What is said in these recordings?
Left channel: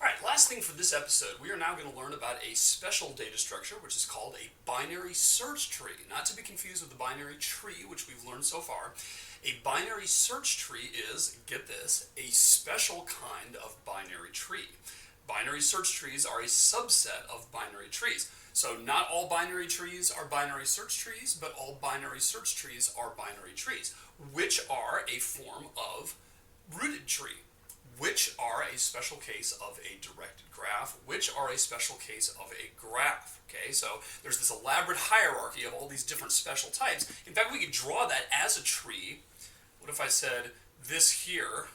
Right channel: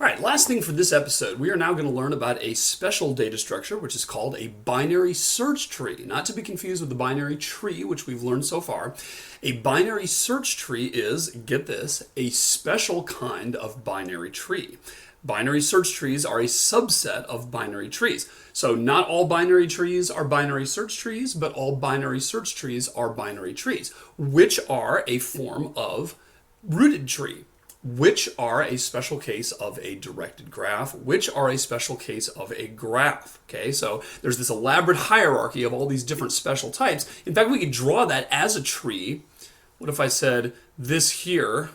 All right, last thing for this episode, we are now going to learn about a special data structure, which is called a binary search tree. Not to be confused with the binary tree, which we've learned so far. A binary search tree is, get this, a special kind of binary tree. Binary search trees are a subset of binary trees. So not all binary trees are binary search trees, but all binary search trees are binary trees, which are a form of rooted tree, which are a special case of a directed graph, which are a special case of a graph. Okay, so there's this elaborate hierarchy of all these different special types. In fact, we could draw that as a tree. What if I said this here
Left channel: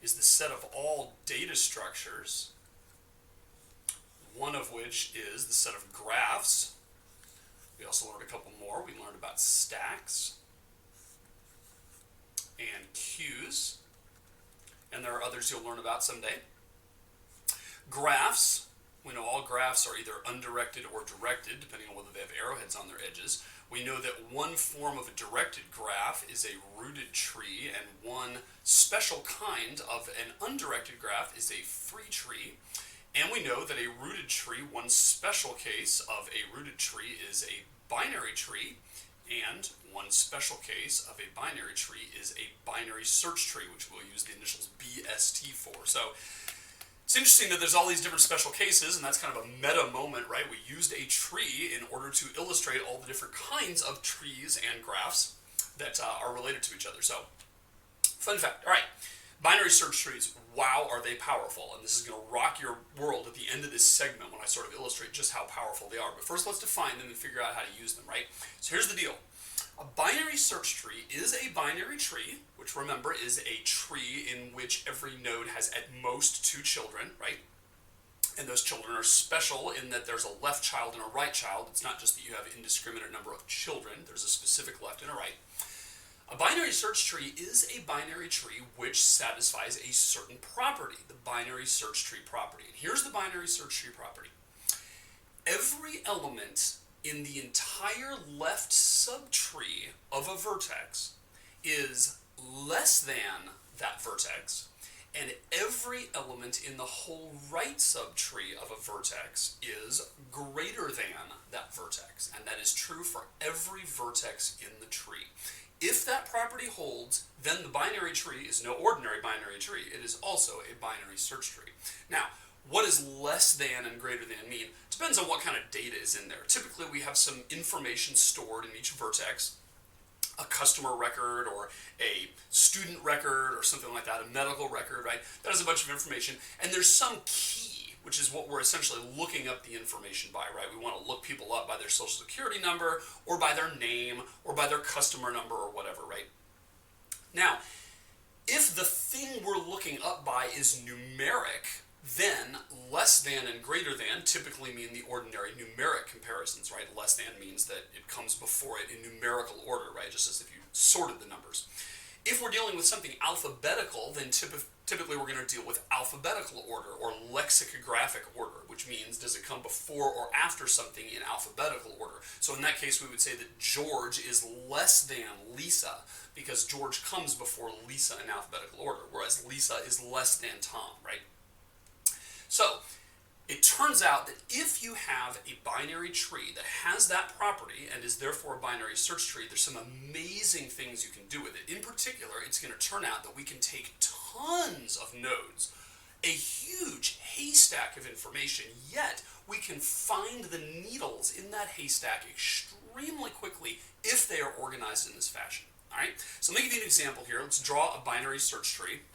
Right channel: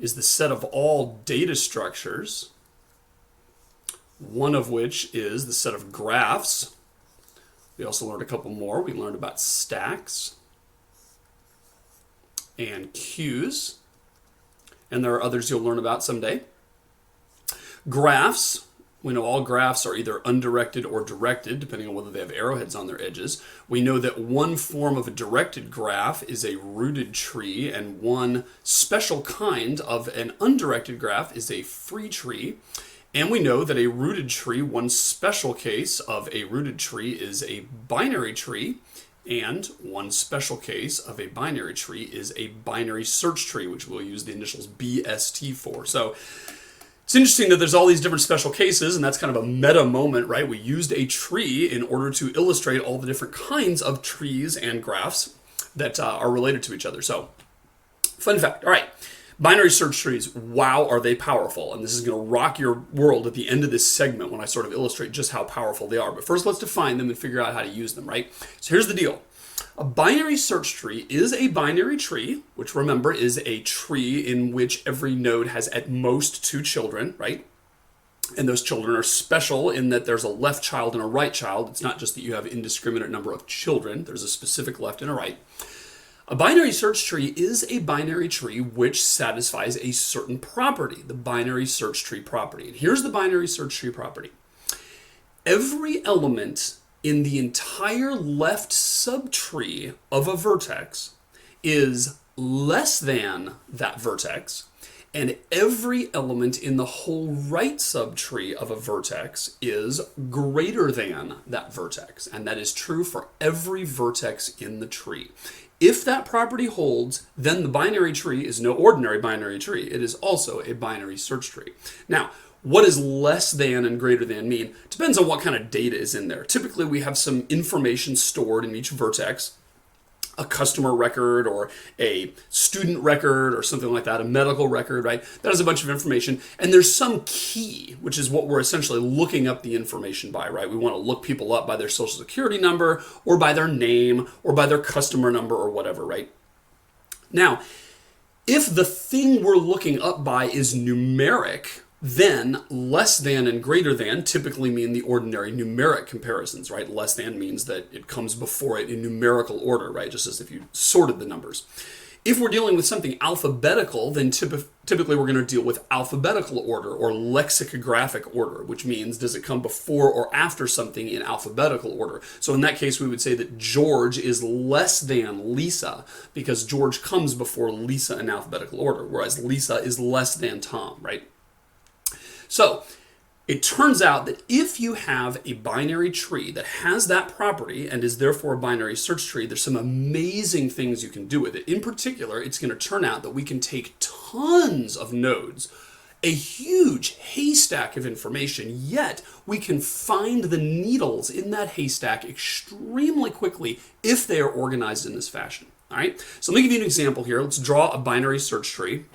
is the set of all data structures, one of which is the set of graphs. We also learned a couple more. We learned about stacks and queues. And there are others you'll learn about someday. Graphs, we know all graphs are either undirected or directed, depending on whether they have arrowheads on their edges. We know that one form of a directed graph is a rooted tree, and one special kind of an undirected graph is a free tree. And we know that a rooted tree, one special case of a rooted tree is a binary tree. And one special case of a binary tree is a binary search tree, which we'll use the initials BST for. So it's interesting that there's all these different special cases, and that's kind of a meta moment, right? We used a tree in order to illustrate all the different kinds of trees and graphs that are related to each other. So, fun fact. All right. Binary search trees, wow, are they powerful? And this is going to rock your world at the end of this segment when I sort of illustrate just how powerful they are. But first, let's define them and figure out how to use them, right? So here's the deal. A binary search tree is a binary tree, which remember is a tree in which every node has at most two children, right? And those children are special in that there's a left child and a right child. It's not just that you have an indiscriminate number of children. There's a specific left and a right. A binary search tree is a binary tree which satisfies a certain property, the binary search tree property. And here's the binary search tree property. Every element in the entire left subtree of a vertex is less than that vertex, and every element in the whole right subtree of a vertex is greater than that vertex. And that is true for every vertex in the tree. If that property holds, then the binary tree is no ordinary binary tree. It is also a binary search tree. Now, what does less than and greater than mean? Depends on what kind of data is in there. Typically, we have some information stored in each vertex, a customer record or a student record or something like that, a medical record, right? That has a bunch of information. And there's some key, which is what we're essentially looking up the information by, right? We want to look people up by their social security number or by their name or by their customer number or whatever, right? Now, if the thing we're looking up by is numeric, then less than and greater than typically mean the ordinary numeric comparisons, right? Less than means that it comes before it in numerical order, right? Just as if you sorted the numbers. If we're dealing with something alphabetical, then typically we're going to deal with alphabetical order or lexicographic order, which means does it come before or after something in alphabetical order. So in that case, we would say that George is less than Lisa because George comes before Lisa in alphabetical order, whereas Lisa is less than Tom, right? So it turns out that if you have a binary tree that has that property and is therefore a binary search tree, there's some amazing things you can do with it. In particular, it's going to turn out that we can take tons of nodes, a huge haystack of information, yet we can find the needles in that haystack extremely quickly if they are organized in this fashion. All right, so let me give you an example here. Let's draw a binary search tree.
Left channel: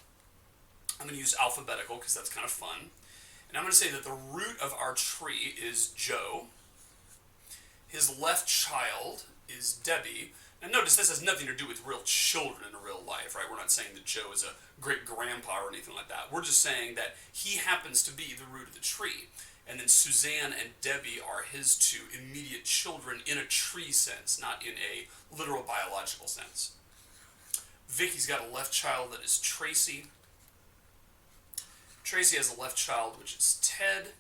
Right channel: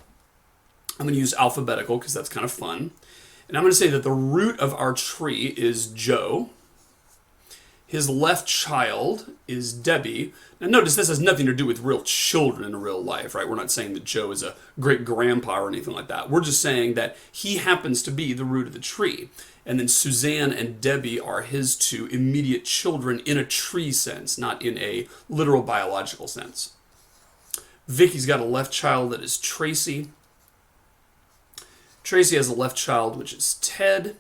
I'm going to use alphabetical because that's kind of fun. And I'm going to say that the root of our tree is Joe. His left child is Debbie. Now notice this has nothing to do with real children in real life, right? We're not saying that Joe is a great grandpa or anything like that. We're just saying that he happens to be the root of the tree. And then Suzanne and Debbie are his two immediate children in a tree sense, not in a literal biological sense. Vicky's got a left child that is Tracy. Tracy has a left child, which is Ted.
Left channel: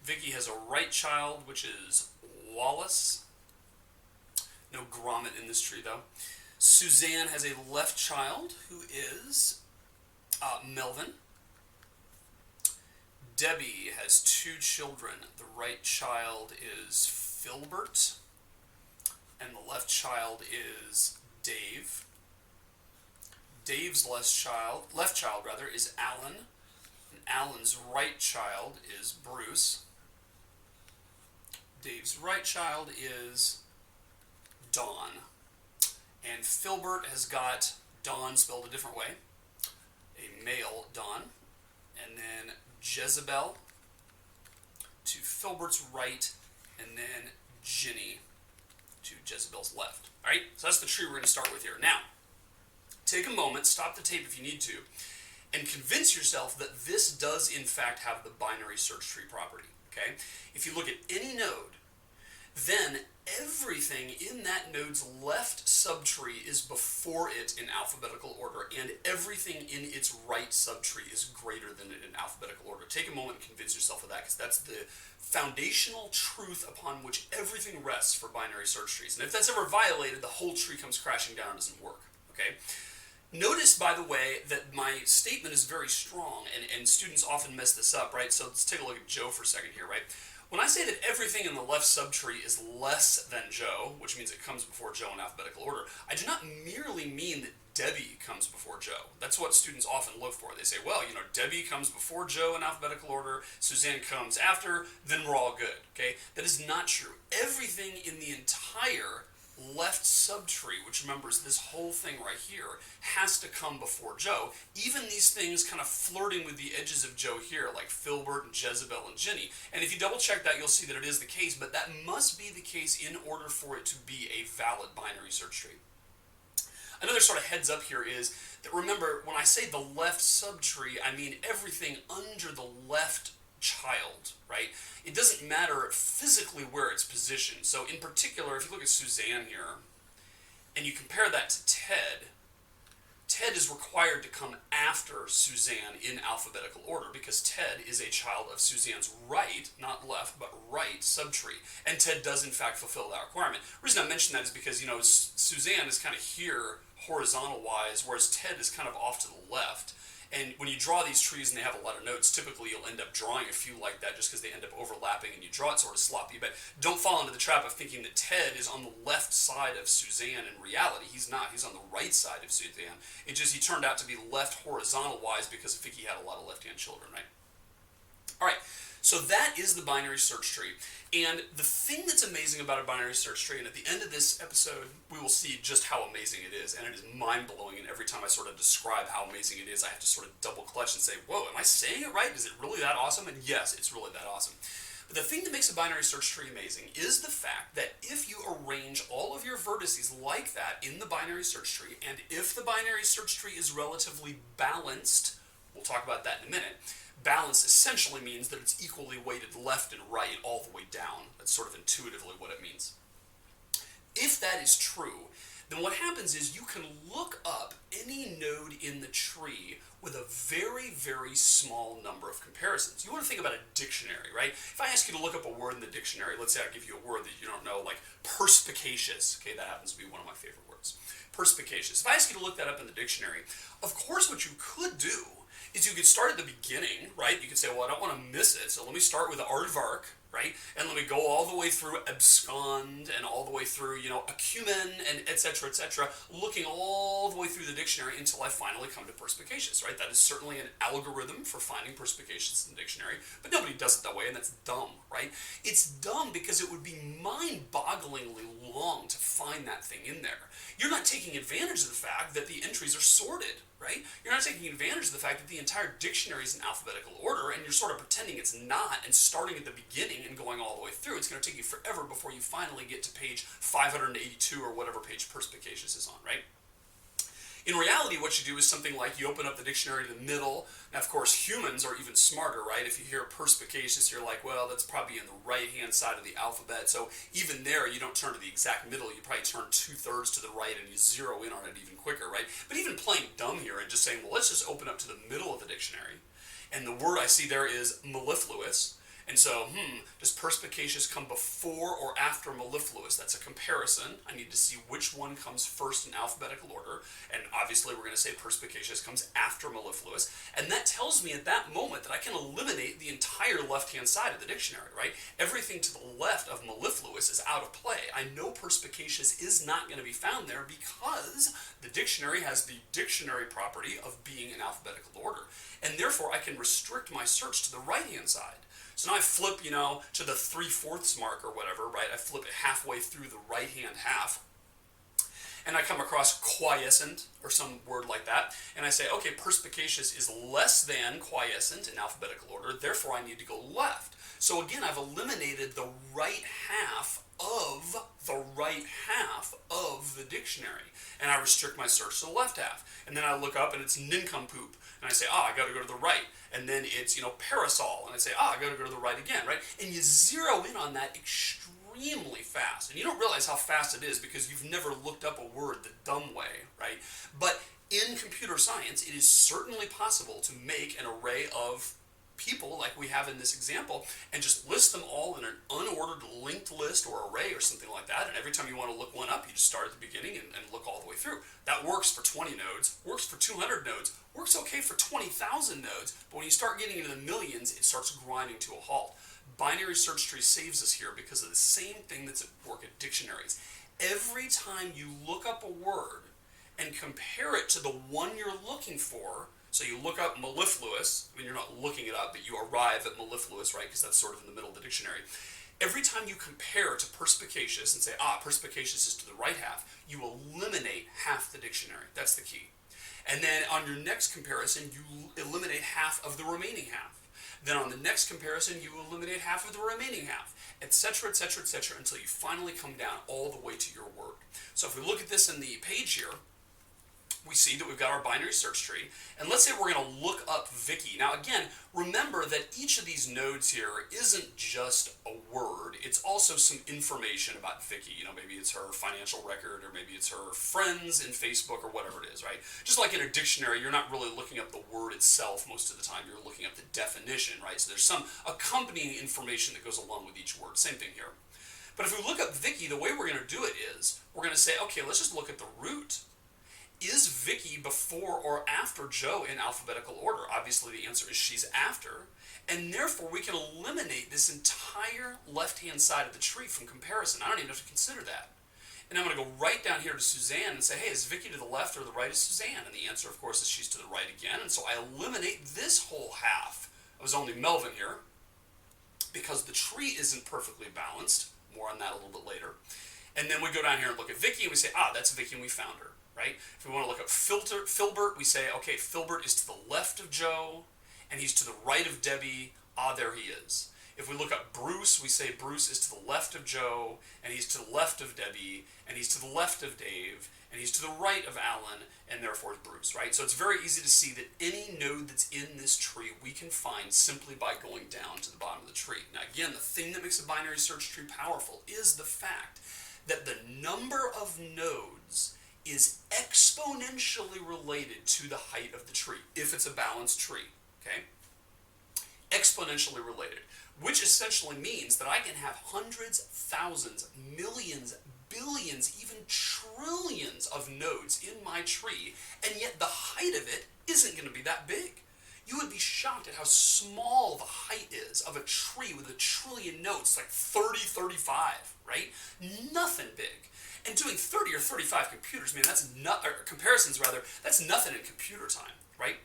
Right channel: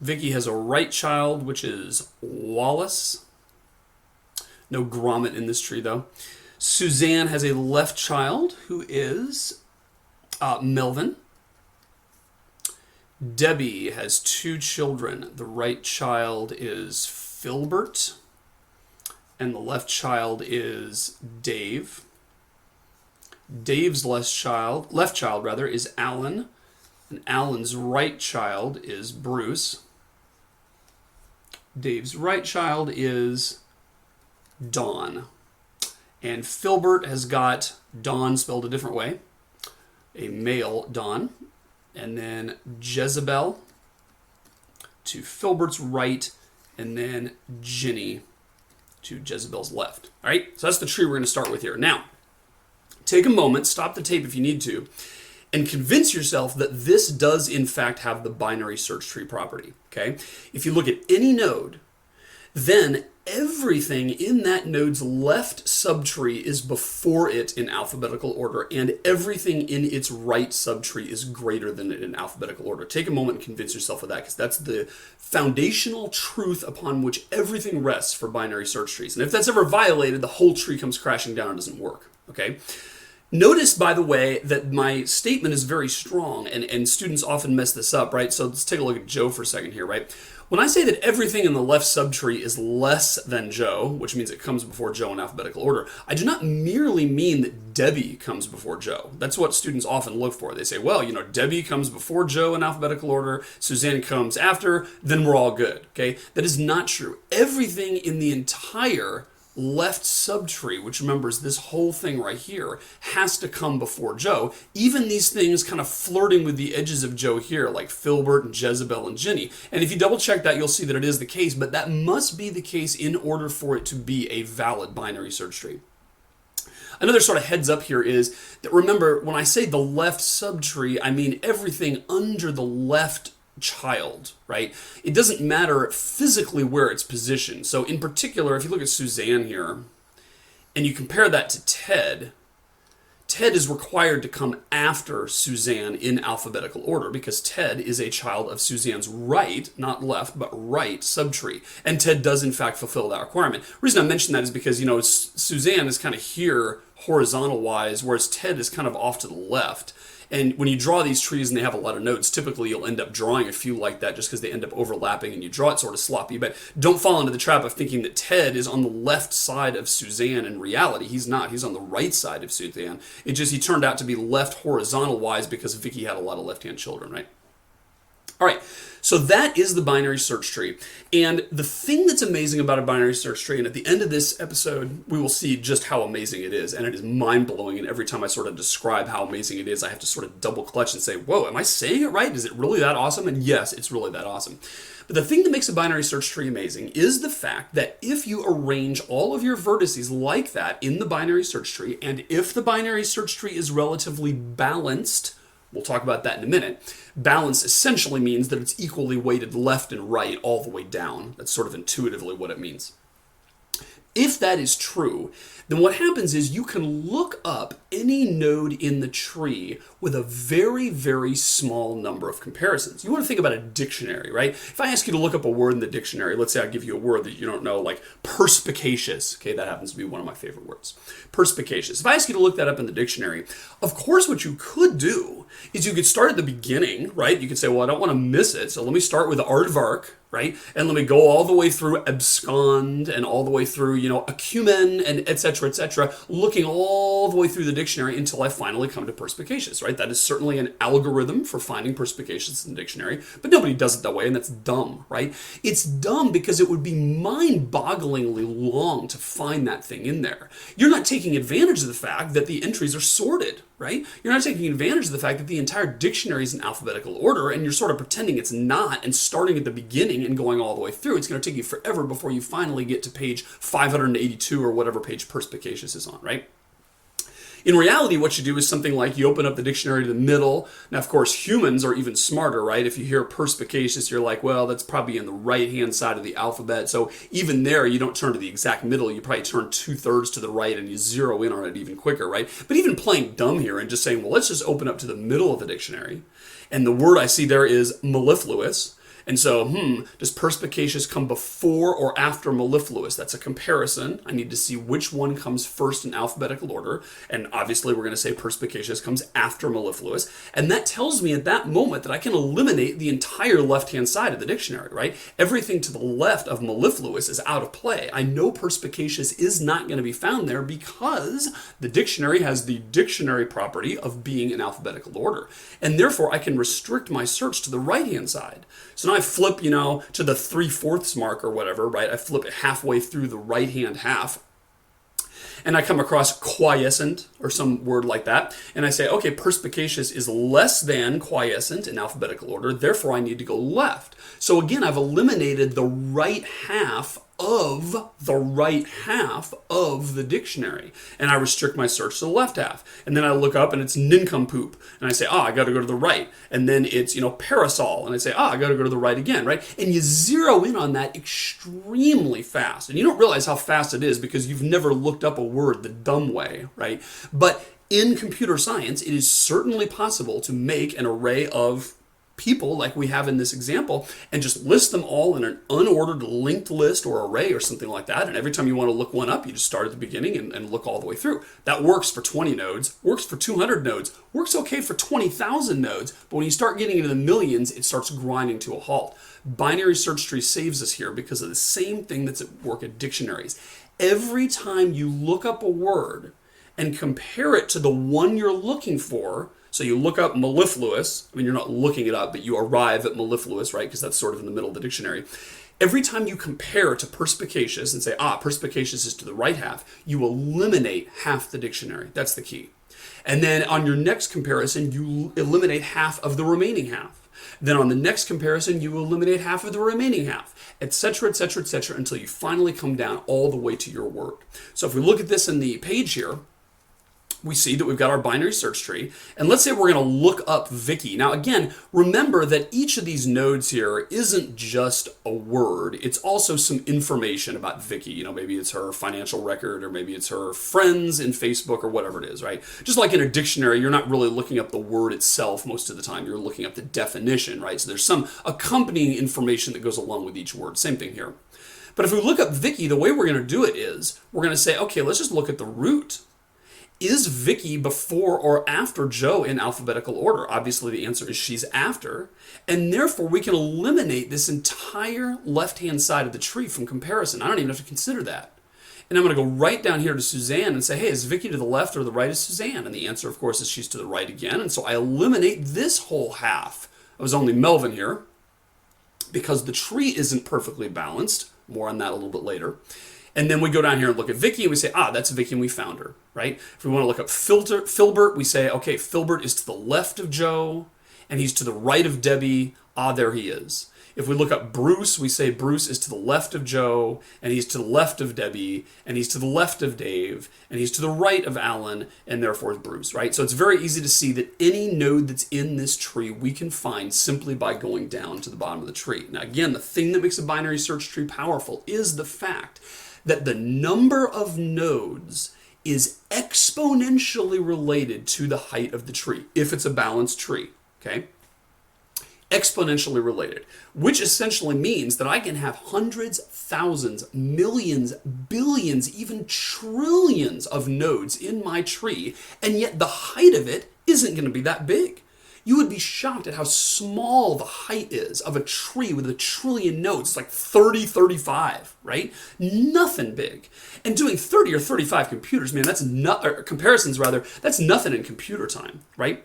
Vicky has a right child, which is Wallace. No grommet in this tree, though. Suzanne has a left child, who is Melvin. Debbie has 2 children. The right child is Filbert, and the left child is Dave. Dave's left child is Alan, and Alan's right child is Bruce. Dave's right child is Dawn. And Filbert has got Dawn spelled a different way, a male Dawn. And then Jezebel to Filbert's right, and then Ginny to Jezebel's left. All right, so that's the tree we're going to start with here. Now, take a moment, stop the tape if you need to, and convince yourself that this does in fact have the binary search tree property. Okay, if you look at any node, then everything in that node's left subtree is before it in alphabetical order, and everything in its right subtree is greater than it in alphabetical order. Take a moment and convince yourself of that, because that's the foundational truth upon which everything rests for binary search trees. And if that's ever violated, the whole tree comes crashing down and doesn't work. Okay? Notice, by the way, that my statement is very strong, and students often mess this up, right? So let's take a look at Joe for a second here, right? When I say that everything in the left subtree is less than Joe, which means it comes before Joe in alphabetical order, I do not merely mean that Debbie comes before Joe. That's what students often look for. They say, well, you know, Debbie comes before Joe in alphabetical order, Suzanne comes after, then we're all good, okay? That is not true. Everything in the entire left subtree, which remembers this whole thing right here, has to come before Joe. Even these things kind of flirting with the edges of Joe here, like Filbert and Jezebel and Ginny. And if you double check that, you'll see that it is the case, but that must be the case in order for it to be a valid binary search tree. Another sort of heads up here is that, remember, when I say the left subtree, I mean everything under the left child, right? It doesn't matter physically where it's positioned. So in particular, if you look at Suzanne here, and you compare that to Ted, Ted is required to come after Suzanne in alphabetical order, because Ted is a child of Suzanne's right, not left, but right subtree. And Ted does in fact fulfill that requirement. The reason I mention that is because, you know, Suzanne is kind of here horizontal-wise, whereas Ted is kind of off to the left. And when you draw these trees and they have a lot of nodes, typically you'll end up drawing a few like that just because they end up overlapping and you draw it sort of sloppy. But don't fall into the trap of thinking that Ted is on the left side of Suzanne. In reality, he's not. He's on the right side of Suzanne. It just, he turned out to be left horizontal-wise because Vicky had a lot of left-hand children, right? All right, so that is the binary search tree. And the thing that's amazing about a binary search tree, and at the end of this episode, we will see just how amazing it is. And it is mind-blowing, and every time I sort of describe how amazing it is, I have to sort of double clutch and say, whoa, am I saying it right? Is it really that awesome? And yes, it's really that awesome. But the thing that makes a binary search tree amazing is the fact that if you arrange all of your vertices like that in the binary search tree, and if the binary search tree is relatively balanced, we'll talk about that in a minute. Balance essentially means that it's equally weighted left and right all the way down. That's sort of intuitively what it means. If that is true, then what happens is you can look up any node in the tree with a very, very small number of comparisons. You want to think about a dictionary, right? If I ask you to look up a word in the dictionary, let's say I give you a word that you don't know, like perspicacious. Okay, that happens to be one of my favorite words. Perspicacious. If I ask you to look that up in the dictionary, of course what you could do is you could start at the beginning, right? You could say, well, I don't want to miss it, so let me start with aardvark, right? And let me go all the way through abscond and all the way through, you know, acumen and et cetera, looking all the way through the dictionary until I finally come to perspicacious, right? That is certainly an algorithm for finding perspicacious in the dictionary, but nobody does it that way, and that's dumb, right? It's dumb because it would be mind-bogglingly long to find that thing in there. You're not taking advantage of the fact that the entries are sorted, right? You're not taking advantage of the fact that the entire dictionary is in alphabetical order, and you're sort of pretending it's not and starting at the beginning and going all the way through. It's going to take you forever before you finally get to page 582 or whatever page perspicacious is on, right? In reality, what you do is something like you open up the dictionary to the middle. Now, of course, humans are even smarter, right? If you hear perspicacious, you're like, well, that's probably in the right-hand side of the alphabet. So even there, you don't turn to the exact middle. You probably turn 2/3 to the right and you zero in on it even quicker, right? But even playing dumb here and just saying, well, let's just open up to the middle of the dictionary. And the word I see there is mellifluous. And so, does perspicacious come before or after mellifluous? That's a comparison. I need to see which one comes first in alphabetical order. And obviously we're going to say perspicacious comes after mellifluous. And that tells me at that moment that I can eliminate the entire left-hand side of the dictionary, right? Everything to the left of mellifluous is out of play. I know perspicacious is not going to be found there because the dictionary has the dictionary property of being in alphabetical order. And therefore I can restrict my search to the right-hand side. So now I flip, to the 3/4 mark or whatever, right? I flip it halfway through the right-hand half, and I come across quiescent or some word like that, and I say, okay, perspicacious is less than quiescent in alphabetical order, therefore I need to go left. So again, I've eliminated the right half of the dictionary, and I restrict my search to the left half. And then I look up and it's nincompoop, and I say, I got to go to the right. And then it's, parasol, and I say, I got to go to the right again, right? And you zero in on that extremely fast. And you don't realize how fast it is because you've never looked up a word the dumb way, right? But in computer science, it is certainly possible to make an array of people like we have in this example and just list them all in an unordered linked list or array or something like that. And every time you want to look one up, you just start at the beginning and look all the way through. That works for 20 nodes, works for 200 nodes, works okay for 20,000 nodes. But when you start getting into the millions, it starts grinding to a halt. Binary search tree saves us here because of the same thing that's at work at dictionaries. Every time you look up a word and compare it to the one you're looking for, so you look up mellifluous, you're not looking it up, but you arrive at mellifluous, right? Because that's sort of in the middle of the dictionary. Every time you compare to perspicacious and say, perspicacious is to the right half, you eliminate half the dictionary. That's the key. And then on your next comparison, you eliminate half of the remaining half. Then on the next comparison, you eliminate half of the remaining half, etc., etc., etc., until you finally come down all the way to your word. So if we look at this in the page here, we see that we've got our binary search tree, and let's say we're going to look up Vicky. Now again, remember that each of these nodes here isn't just a word, it's also some information about Vicky. Maybe it's her financial record, or maybe it's her friends in Facebook, or whatever it is, right? Just like in a dictionary, you're not really looking up the word itself most of the time, you're looking up the definition, right? So there's some accompanying information that goes along with each word. Same thing here. But if we look up Vicky, the way we're going to do it is, we're going to say, okay, let's just look at the root. Is Vicky before or after Joe in alphabetical order? Obviously the answer is she's after, and therefore we can eliminate this entire left-hand side of the tree from comparison. I don't even have to consider that. And I'm going to go right down here to Suzanne and say, hey, is Vicky to the left or the right of Suzanne? And the answer, of course, is she's to the right again, and so I eliminate this whole half. I was only Melvin here because the tree isn't perfectly balanced. More on that a little bit later. And then we go down here and look at Vicky and we say, that's Vicky and we found her, right? If we want to look up Filbert, we say, okay, Filbert is to the left of Joe and he's to the right of Debbie. There he is. If we look up Bruce, we say Bruce is to the left of Joe and he's to the left of Debbie and he's to the left of Dave and he's to the right of Alan and therefore is Bruce, right? So it's very easy to see that any node that's in this tree we can find simply by going down to the bottom of the tree. Now again, the thing that makes a binary search tree powerful is the fact that the number of nodes is exponentially related to the height of the tree, if it's a balanced tree, okay? Exponentially related, which essentially means that I can have hundreds, thousands, millions, billions, even trillions of nodes in my tree, and yet the height of it isn't going to be that big. You would be shocked at how small the height is of a tree with 1 trillion nodes. It's like 30, 35, right? Nothing big. And doing 30 or 35 computers, man, comparisons rather, that's nothing in computer time, right?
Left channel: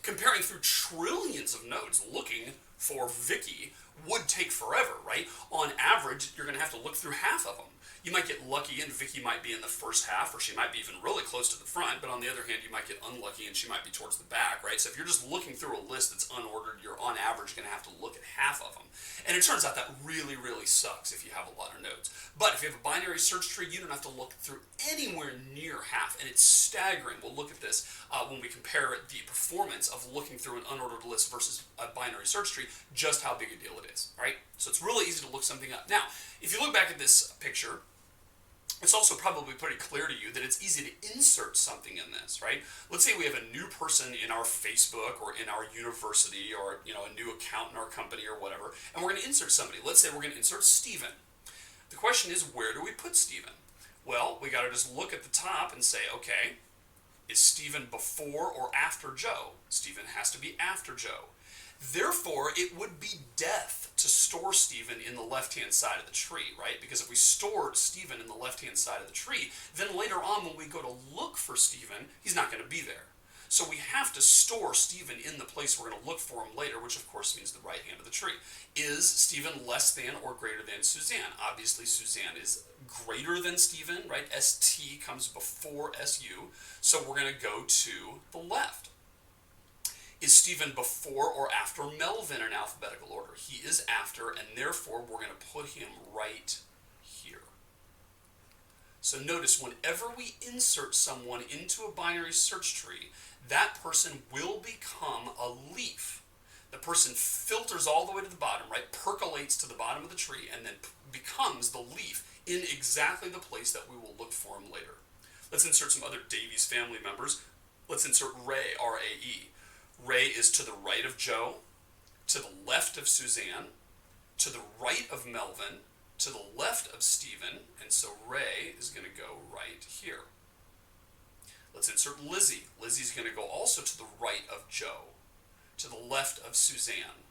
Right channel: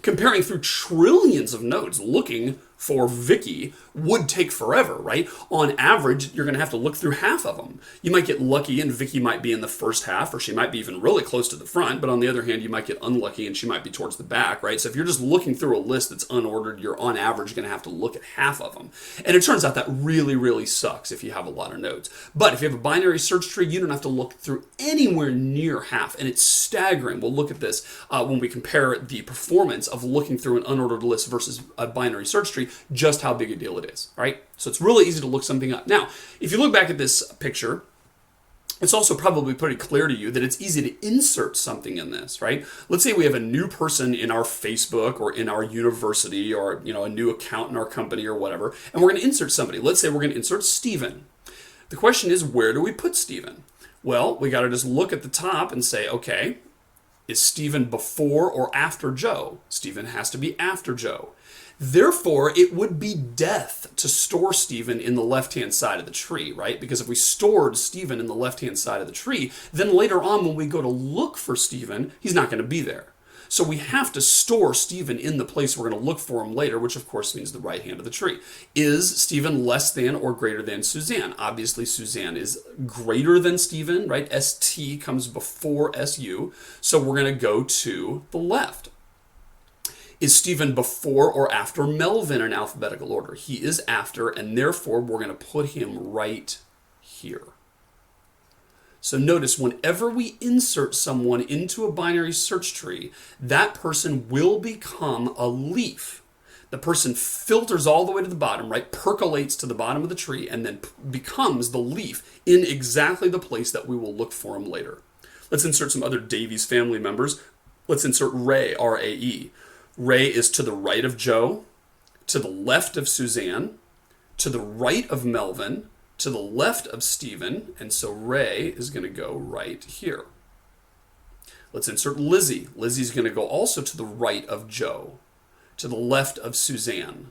Comparing through trillions of nodes looking for Vicky would take forever, right? On average, you're going to have to look through half of them. You might get lucky and Vicky might be in the first half, or she might be even really close to the front, but on the other hand, you might get unlucky and she might be towards the back, right? So if you're just looking through a list that's unordered, you're on average going to have to look at half of them. And it turns out that really, really sucks if you have a lot of nodes. But if you have a binary search tree, you don't have to look through anywhere near half, and it's staggering. We'll look at this when we compare the performance of looking through an unordered list versus a binary search tree, just how big a deal it is, right? So it's really easy to look something up. Now, if you look back at this picture, It's also probably pretty clear to you that it's easy to insert something in this, right? Let's say we have a new person in our Facebook or in our university, or a new account in our company or whatever, and we're going to insert somebody. Let's say we're going to insert Stephen. The question is, where do we put Stephen? Well, we got to just look at the top and say, okay, is Stephen before or after Joe? Stephen has to be after Joe. Therefore, it would be death to store Stephen in the left-hand side of the tree, right? Because if we stored Stephen in the left-hand side of the tree, then later on when we go to look for Stephen, he's not going to be there. So we have to store Stephen in the place we're going to look for him later, which of course means the right hand of the tree. Is Stephen less than or greater than Suzanne? Obviously, Suzanne is greater than Stephen, right? ST comes before SU, so we're going to go to the left. Is Stephen before or after Melvin in alphabetical order? He is after, and therefore we're going to put him right here. So notice, whenever we insert someone into a binary search tree, that person will become a leaf. The person filters all the way to the bottom, right? Percolates to the bottom of the tree, and then becomes the leaf in exactly the place that we will look for him later. Let's insert some other Davies family members. Let's insert Ray, R-A-E. Ray is to the right of Joe, to the left of Suzanne, to the right of Melvin, to the left of Stephen, and so Ray is going to go right here. Let's insert Lizzie. Lizzie's going to go also to the right of Joe, to the left of Suzanne,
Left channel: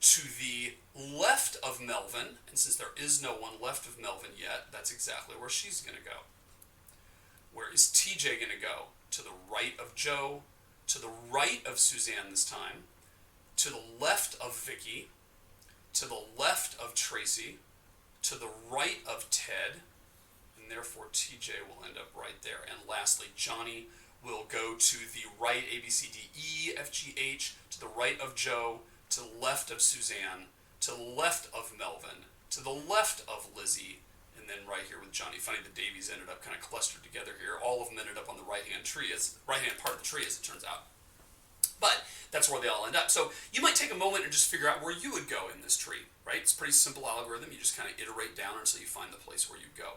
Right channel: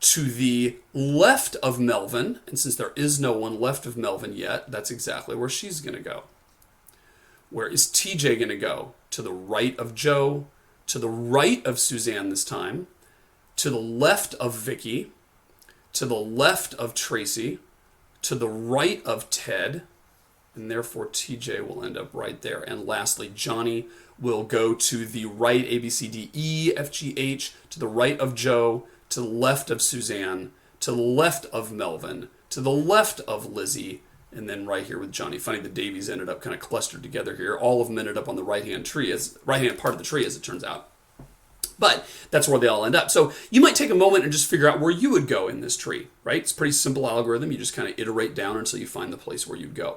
to the left of Melvin, and since there is no one left of Melvin yet, that's exactly where she's going to go. Where is TJ going to go? To the right of Joe, to the right of Suzanne this time, to the left of Vicky, to the left of Tracy, to the right of Ted, and therefore TJ will end up right there. And lastly, Johnny will go to the right, A, B, C, D, E, F, G, H, to the right of Joe, to the left of Suzanne, to the left of Melvin, to the left of Lizzie, and then right here with Johnny. Funny, the Davies ended up kind of clustered together here. All of them ended up on the right-hand part of the tree, as it turns out. But that's where they all end up. So you might take a moment and just figure out where you would go in this tree, right? It's a pretty simple algorithm. You just kind of iterate down until you find the place where you'd go.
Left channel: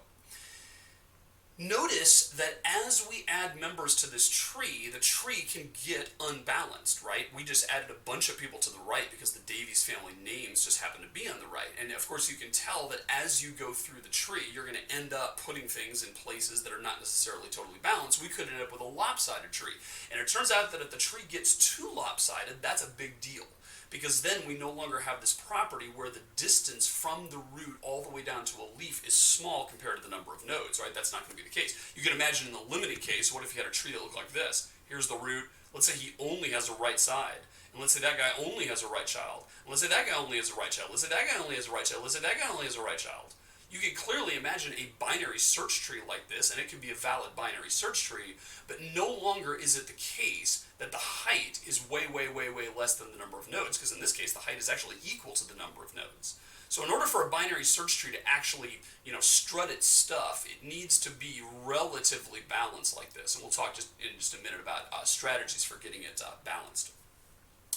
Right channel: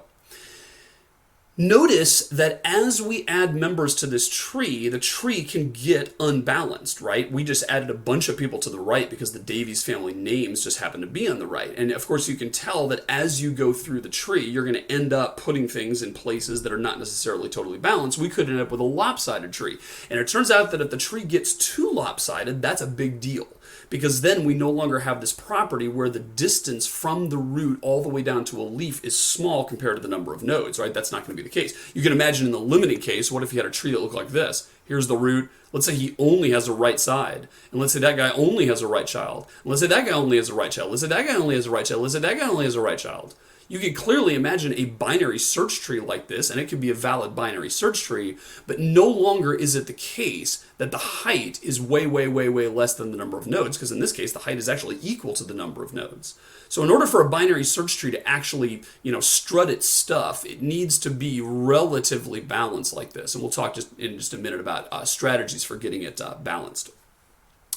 Notice that as we add members to this tree, the tree can get unbalanced, right? We just added a bunch of people to the right because the Davies family names just happen to be on the right. And of course, you can tell that as you go through the tree, you're going to end up putting things in places that are not necessarily totally balanced. We could end up with a lopsided tree. And it turns out that if the tree gets too lopsided, that's a big deal. Because then we no longer have this property where the distance from the root all the way down to a leaf is small compared to the number of nodes, right? That's not going to be the case. You can imagine in the limiting case, what if you had a tree that looked like this? Here's the root. Let's say he only has a right side. And let's say that guy only has a right child. And let's say that guy only has a right child. Let's say that guy only has a right child. Let's say that guy only has a right child. You can clearly imagine a binary search tree like this, and it can be a valid binary search tree, but no longer is it the case that the height is way, way, way, way less than the number of nodes, because in this case, the height is actually equal to the number of nodes. So in order for a binary search tree to actually, strut its stuff, it needs to be relatively balanced like this. And we'll talk in just a minute about strategies for getting it balanced.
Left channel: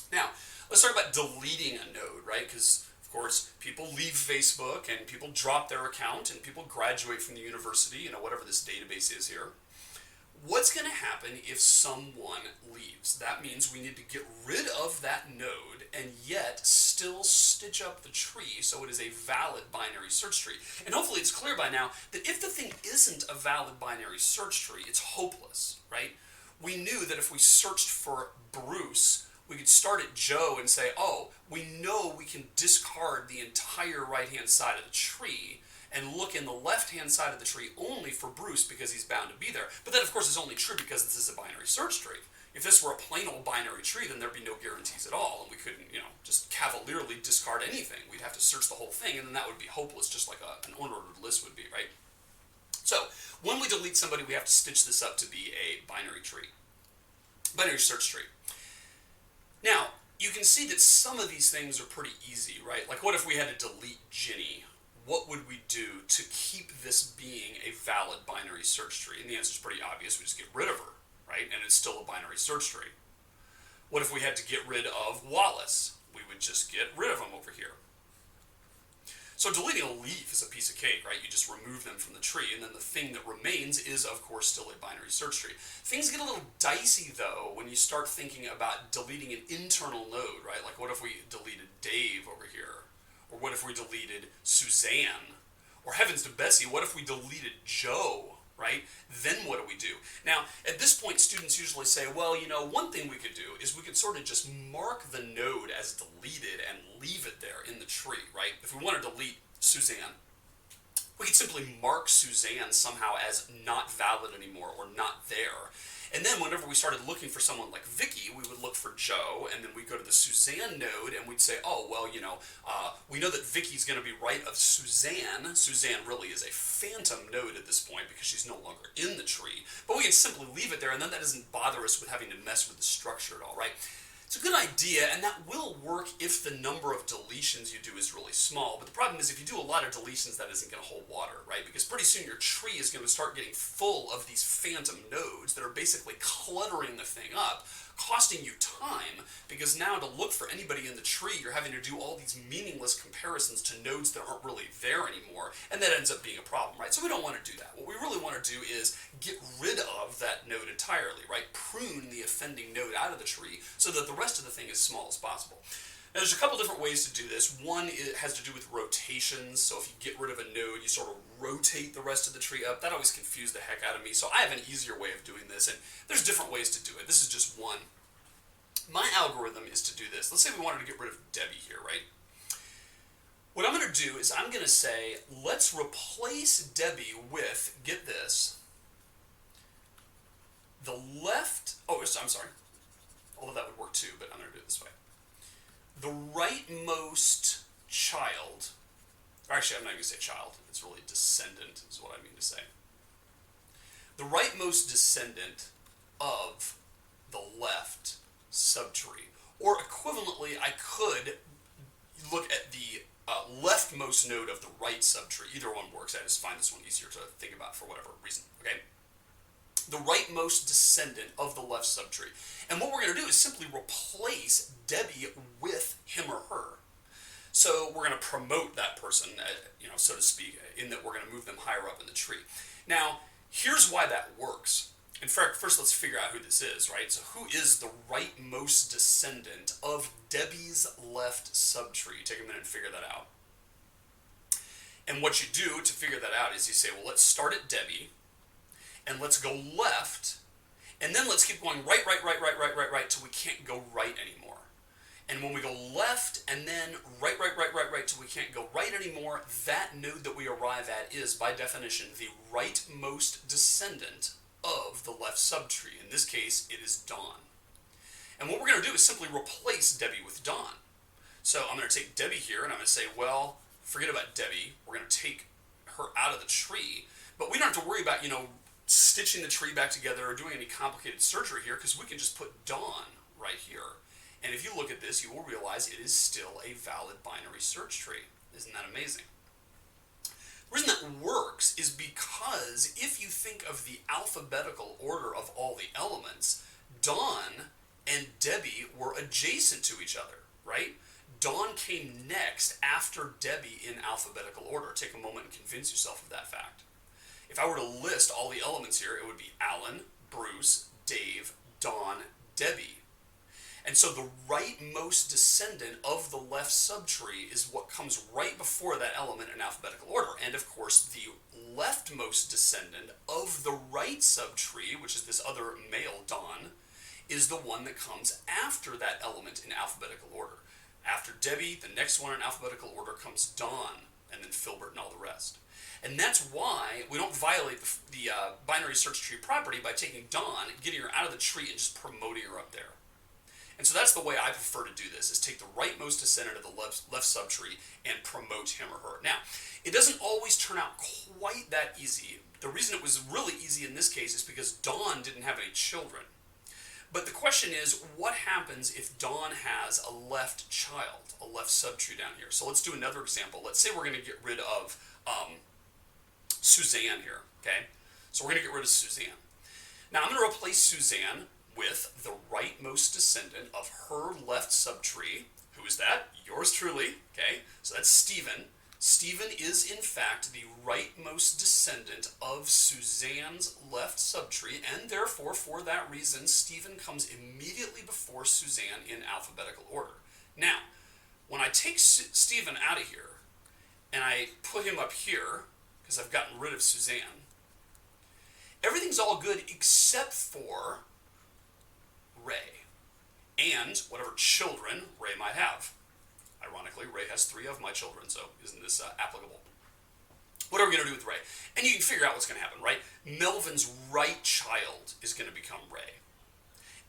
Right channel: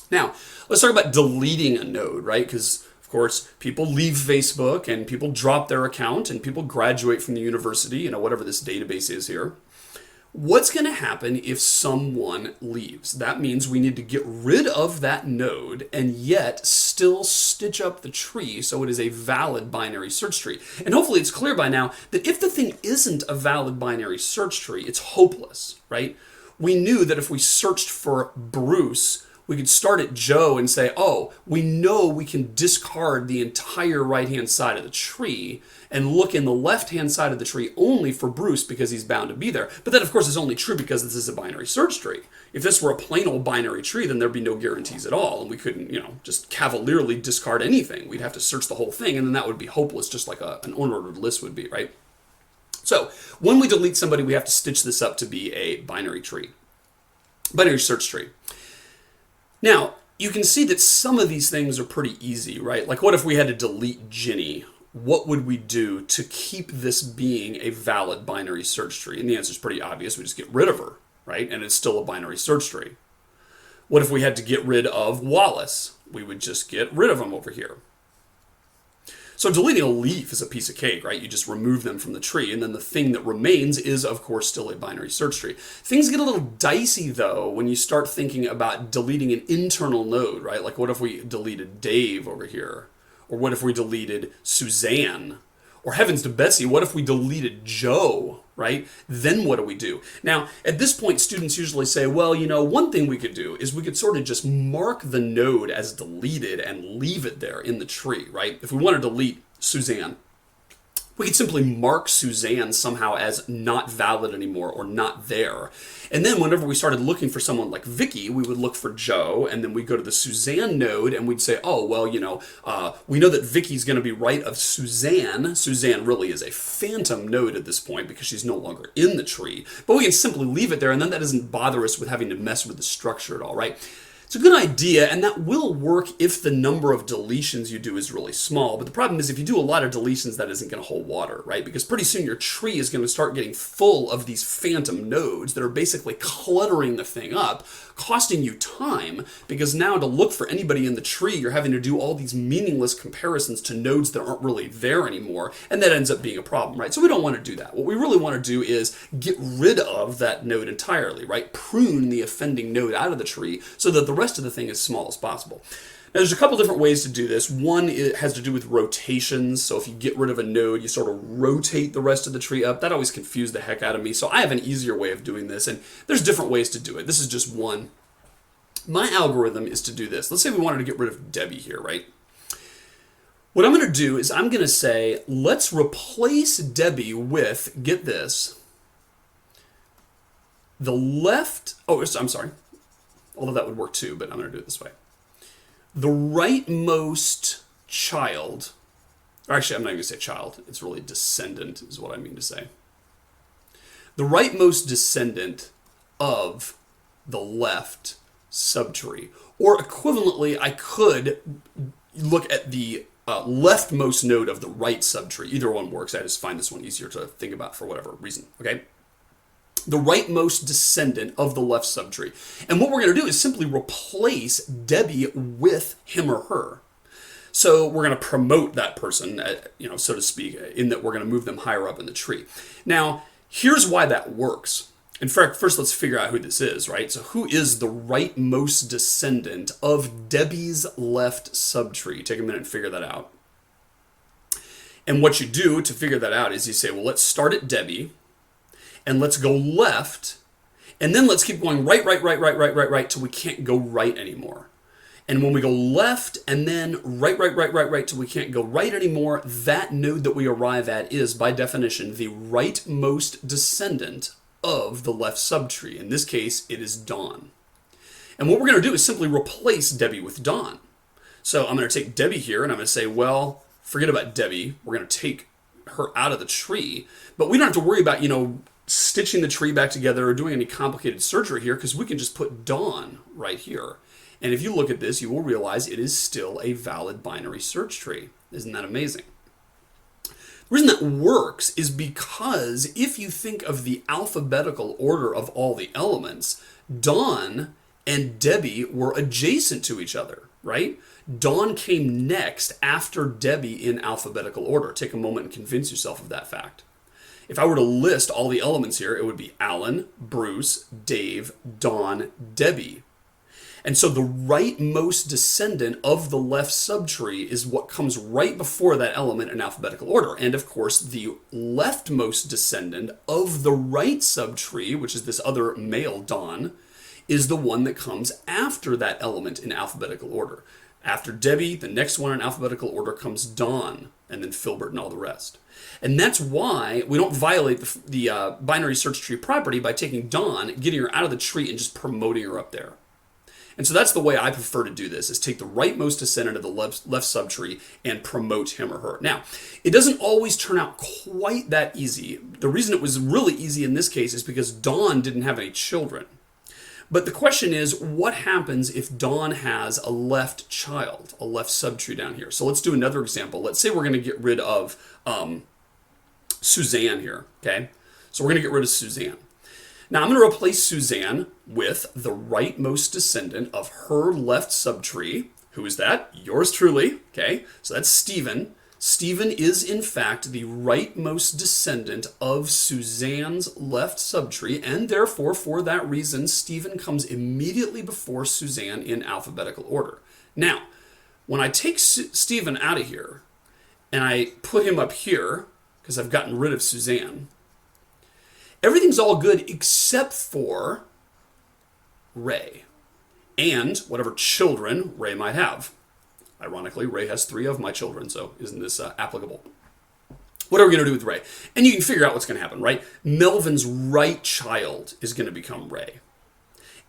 Now, let's talk about deleting a node, right? Because of course, people leave Facebook and people drop their account and people graduate from the university, whatever this database is here. What's going to happen if someone leaves? That means we need to get rid of that node and yet still stitch up the tree so it is a valid binary search tree. And hopefully it's clear by now that if the thing isn't a valid binary search tree, it's hopeless, right? We knew that if we searched for Bruce, we could start at Joe and say, oh, we know we can discard the entire right-hand side of the tree and look in the left-hand side of the tree only for Bruce because he's bound to be there. But that, of course, is only true because this is a binary search tree. If this were a plain old binary tree, then there'd be no guarantees at all, and we couldn't, just cavalierly discard anything. We'd have to search the whole thing, and then that would be hopeless, just like an unordered list would be, right? So when we delete somebody, we have to stitch this up to be a binary tree, binary search tree. Now, you can see that some of these things are pretty easy, right? Like, what if we had to delete Ginny? What would we do to keep this being a valid binary search tree? And the answer is pretty obvious. We just get rid of her, right? And it's still a binary search tree. What if we had to get rid of Wallace? We would just get rid of him over here. So deleting a leaf is a piece of cake, right? You just remove them from the tree, and then the thing that remains is, of course, still a binary search tree. Things get a little dicey, though, when you start thinking about deleting an internal node, right? Like, what if we deleted Dave over here? Or what if we deleted Suzanne? Or heavens to Betsy, what if we deleted Joe, right? Then what do we do? Now, at this point, students usually say, well, one thing we could do is we could sort of just mark the node as deleted and leave it there in the tree, right? If we want to delete Suzanne, we could simply mark Suzanne somehow as not valid anymore or not there. And then whenever we started looking for someone like Vicky, we would look for Joe, and then we'd go to the Suzanne node, and we'd say, oh, well, we know that Vicky's going to be right of Suzanne. Suzanne really is a phantom node at this point because she's no longer in the tree. But we can simply leave it there, and then that doesn't bother us with having to mess with the structure at all, right? It's a good idea, and that will work if the number of deletions you do is really small. But the problem is if you do a lot of deletions, that isn't going to hold water, right? Because pretty soon your tree is going to start getting full of these phantom nodes that are basically cluttering the thing up, costing you time, because now to look for anybody in the tree, you're having to do all these meaningless comparisons to nodes that aren't really there anymore, and that ends up being a problem, right? So we don't want to do that. What we really want to do is get rid of that node entirely, right? Prune the offending node out of the tree so that the rest of the thing is as small as possible. Now, there's a couple different ways to do this. One has to do with rotations. So if you get rid of a node, you sort of rotate the rest of the tree up. That always confused the heck out of me. So I have an easier way of doing this, and there's different ways to do it. This is just one. My algorithm is to do this. Let's say we wanted to get rid of Debbie here, right? What I'm going to do is I'm going to say, let's replace Debbie with, get this, the left, I'm sorry. Although that would work too, but I'm going to do it this way. The rightmost child, or actually I'm not going to say child, it's really descendant is what I mean to say. The rightmost descendant of the left subtree. Or equivalently, I could look at the leftmost node of the right subtree. Either one works, I just find this one easier to think about for whatever reason, okay? The rightmost descendant of the left subtree. And what we're going to do is simply replace Debbie with him or her. So we're going to promote that person, so to speak, in that we're going to move them higher up in the tree. Now, here's why that works. In fact, first let's figure out who this is, right? So who is the rightmost descendant of Debbie's left subtree? Take a minute and figure that out. And what you do to figure that out is you say, well, let's start at Debbie, and let's go left, and then let's keep going right, till we can't go right anymore. And when we go left, and then right, till we can't go right anymore, that node that we arrive at is, by definition, the rightmost descendant of the left subtree. In this case, it is Dawn. And what we're going to do is simply replace Debbie with Dawn. So I'm going to take Debbie here, and I'm going to say, well, forget about Debbie. We're going to take her out of the tree. But we don't have to worry about, stitching the tree back together or doing any complicated surgery here, because we can just put Dawn right here. And if you look at this, you will realize it is still a valid binary search tree. Isn't that amazing? The reason that works is because if you think of the alphabetical order of all the elements, Dawn and Debbie were adjacent to each other, right? Dawn came next after Debbie in alphabetical order. Take a moment and convince yourself of that fact. If I were to list all the elements here, it would be Alan, Bruce, Dave, Dawn, Debbie. And so the rightmost descendant of the left subtree is what comes right before that element in alphabetical order. And of course, the leftmost descendant of the right subtree, which is this other male Dawn, is the one that comes after that element in alphabetical order. After Debbie, the next one in alphabetical order comes Dawn, and then Filbert and all the rest. And that's why we don't violate the binary search tree property by taking Dawn, getting her out of the tree, and just promoting her up there. And so that's the way I prefer to do this, is take the rightmost descendant of the left subtree and promote him or her. Now, it doesn't always turn out quite that easy. The reason it was really easy in this case is because Dawn didn't have any children. But the question is, what happens if Dawn has a left child, a left subtree down here? So let's do another example. Let's say we're going to get rid of Suzanne here, okay? So we're going to get rid of Suzanne. Now I'm going to replace Suzanne with the rightmost descendant of her left subtree. Who is that? Yours truly, okay? So that's Stephen. Stephen is, in fact, the rightmost descendant of Suzanne's left subtree, and therefore, for that reason, Stephen comes immediately before Suzanne in alphabetical order. Now, when I take Stephen out of here, and I put him up here, because I've gotten rid of Suzanne, everything's all good except for Ray, and whatever children Ray might have. Ironically, Ray has 3 of my children, so isn't this applicable? What are we going to do with Ray? And you can figure out what's going to happen, right? Melvin's right child is going to become Ray.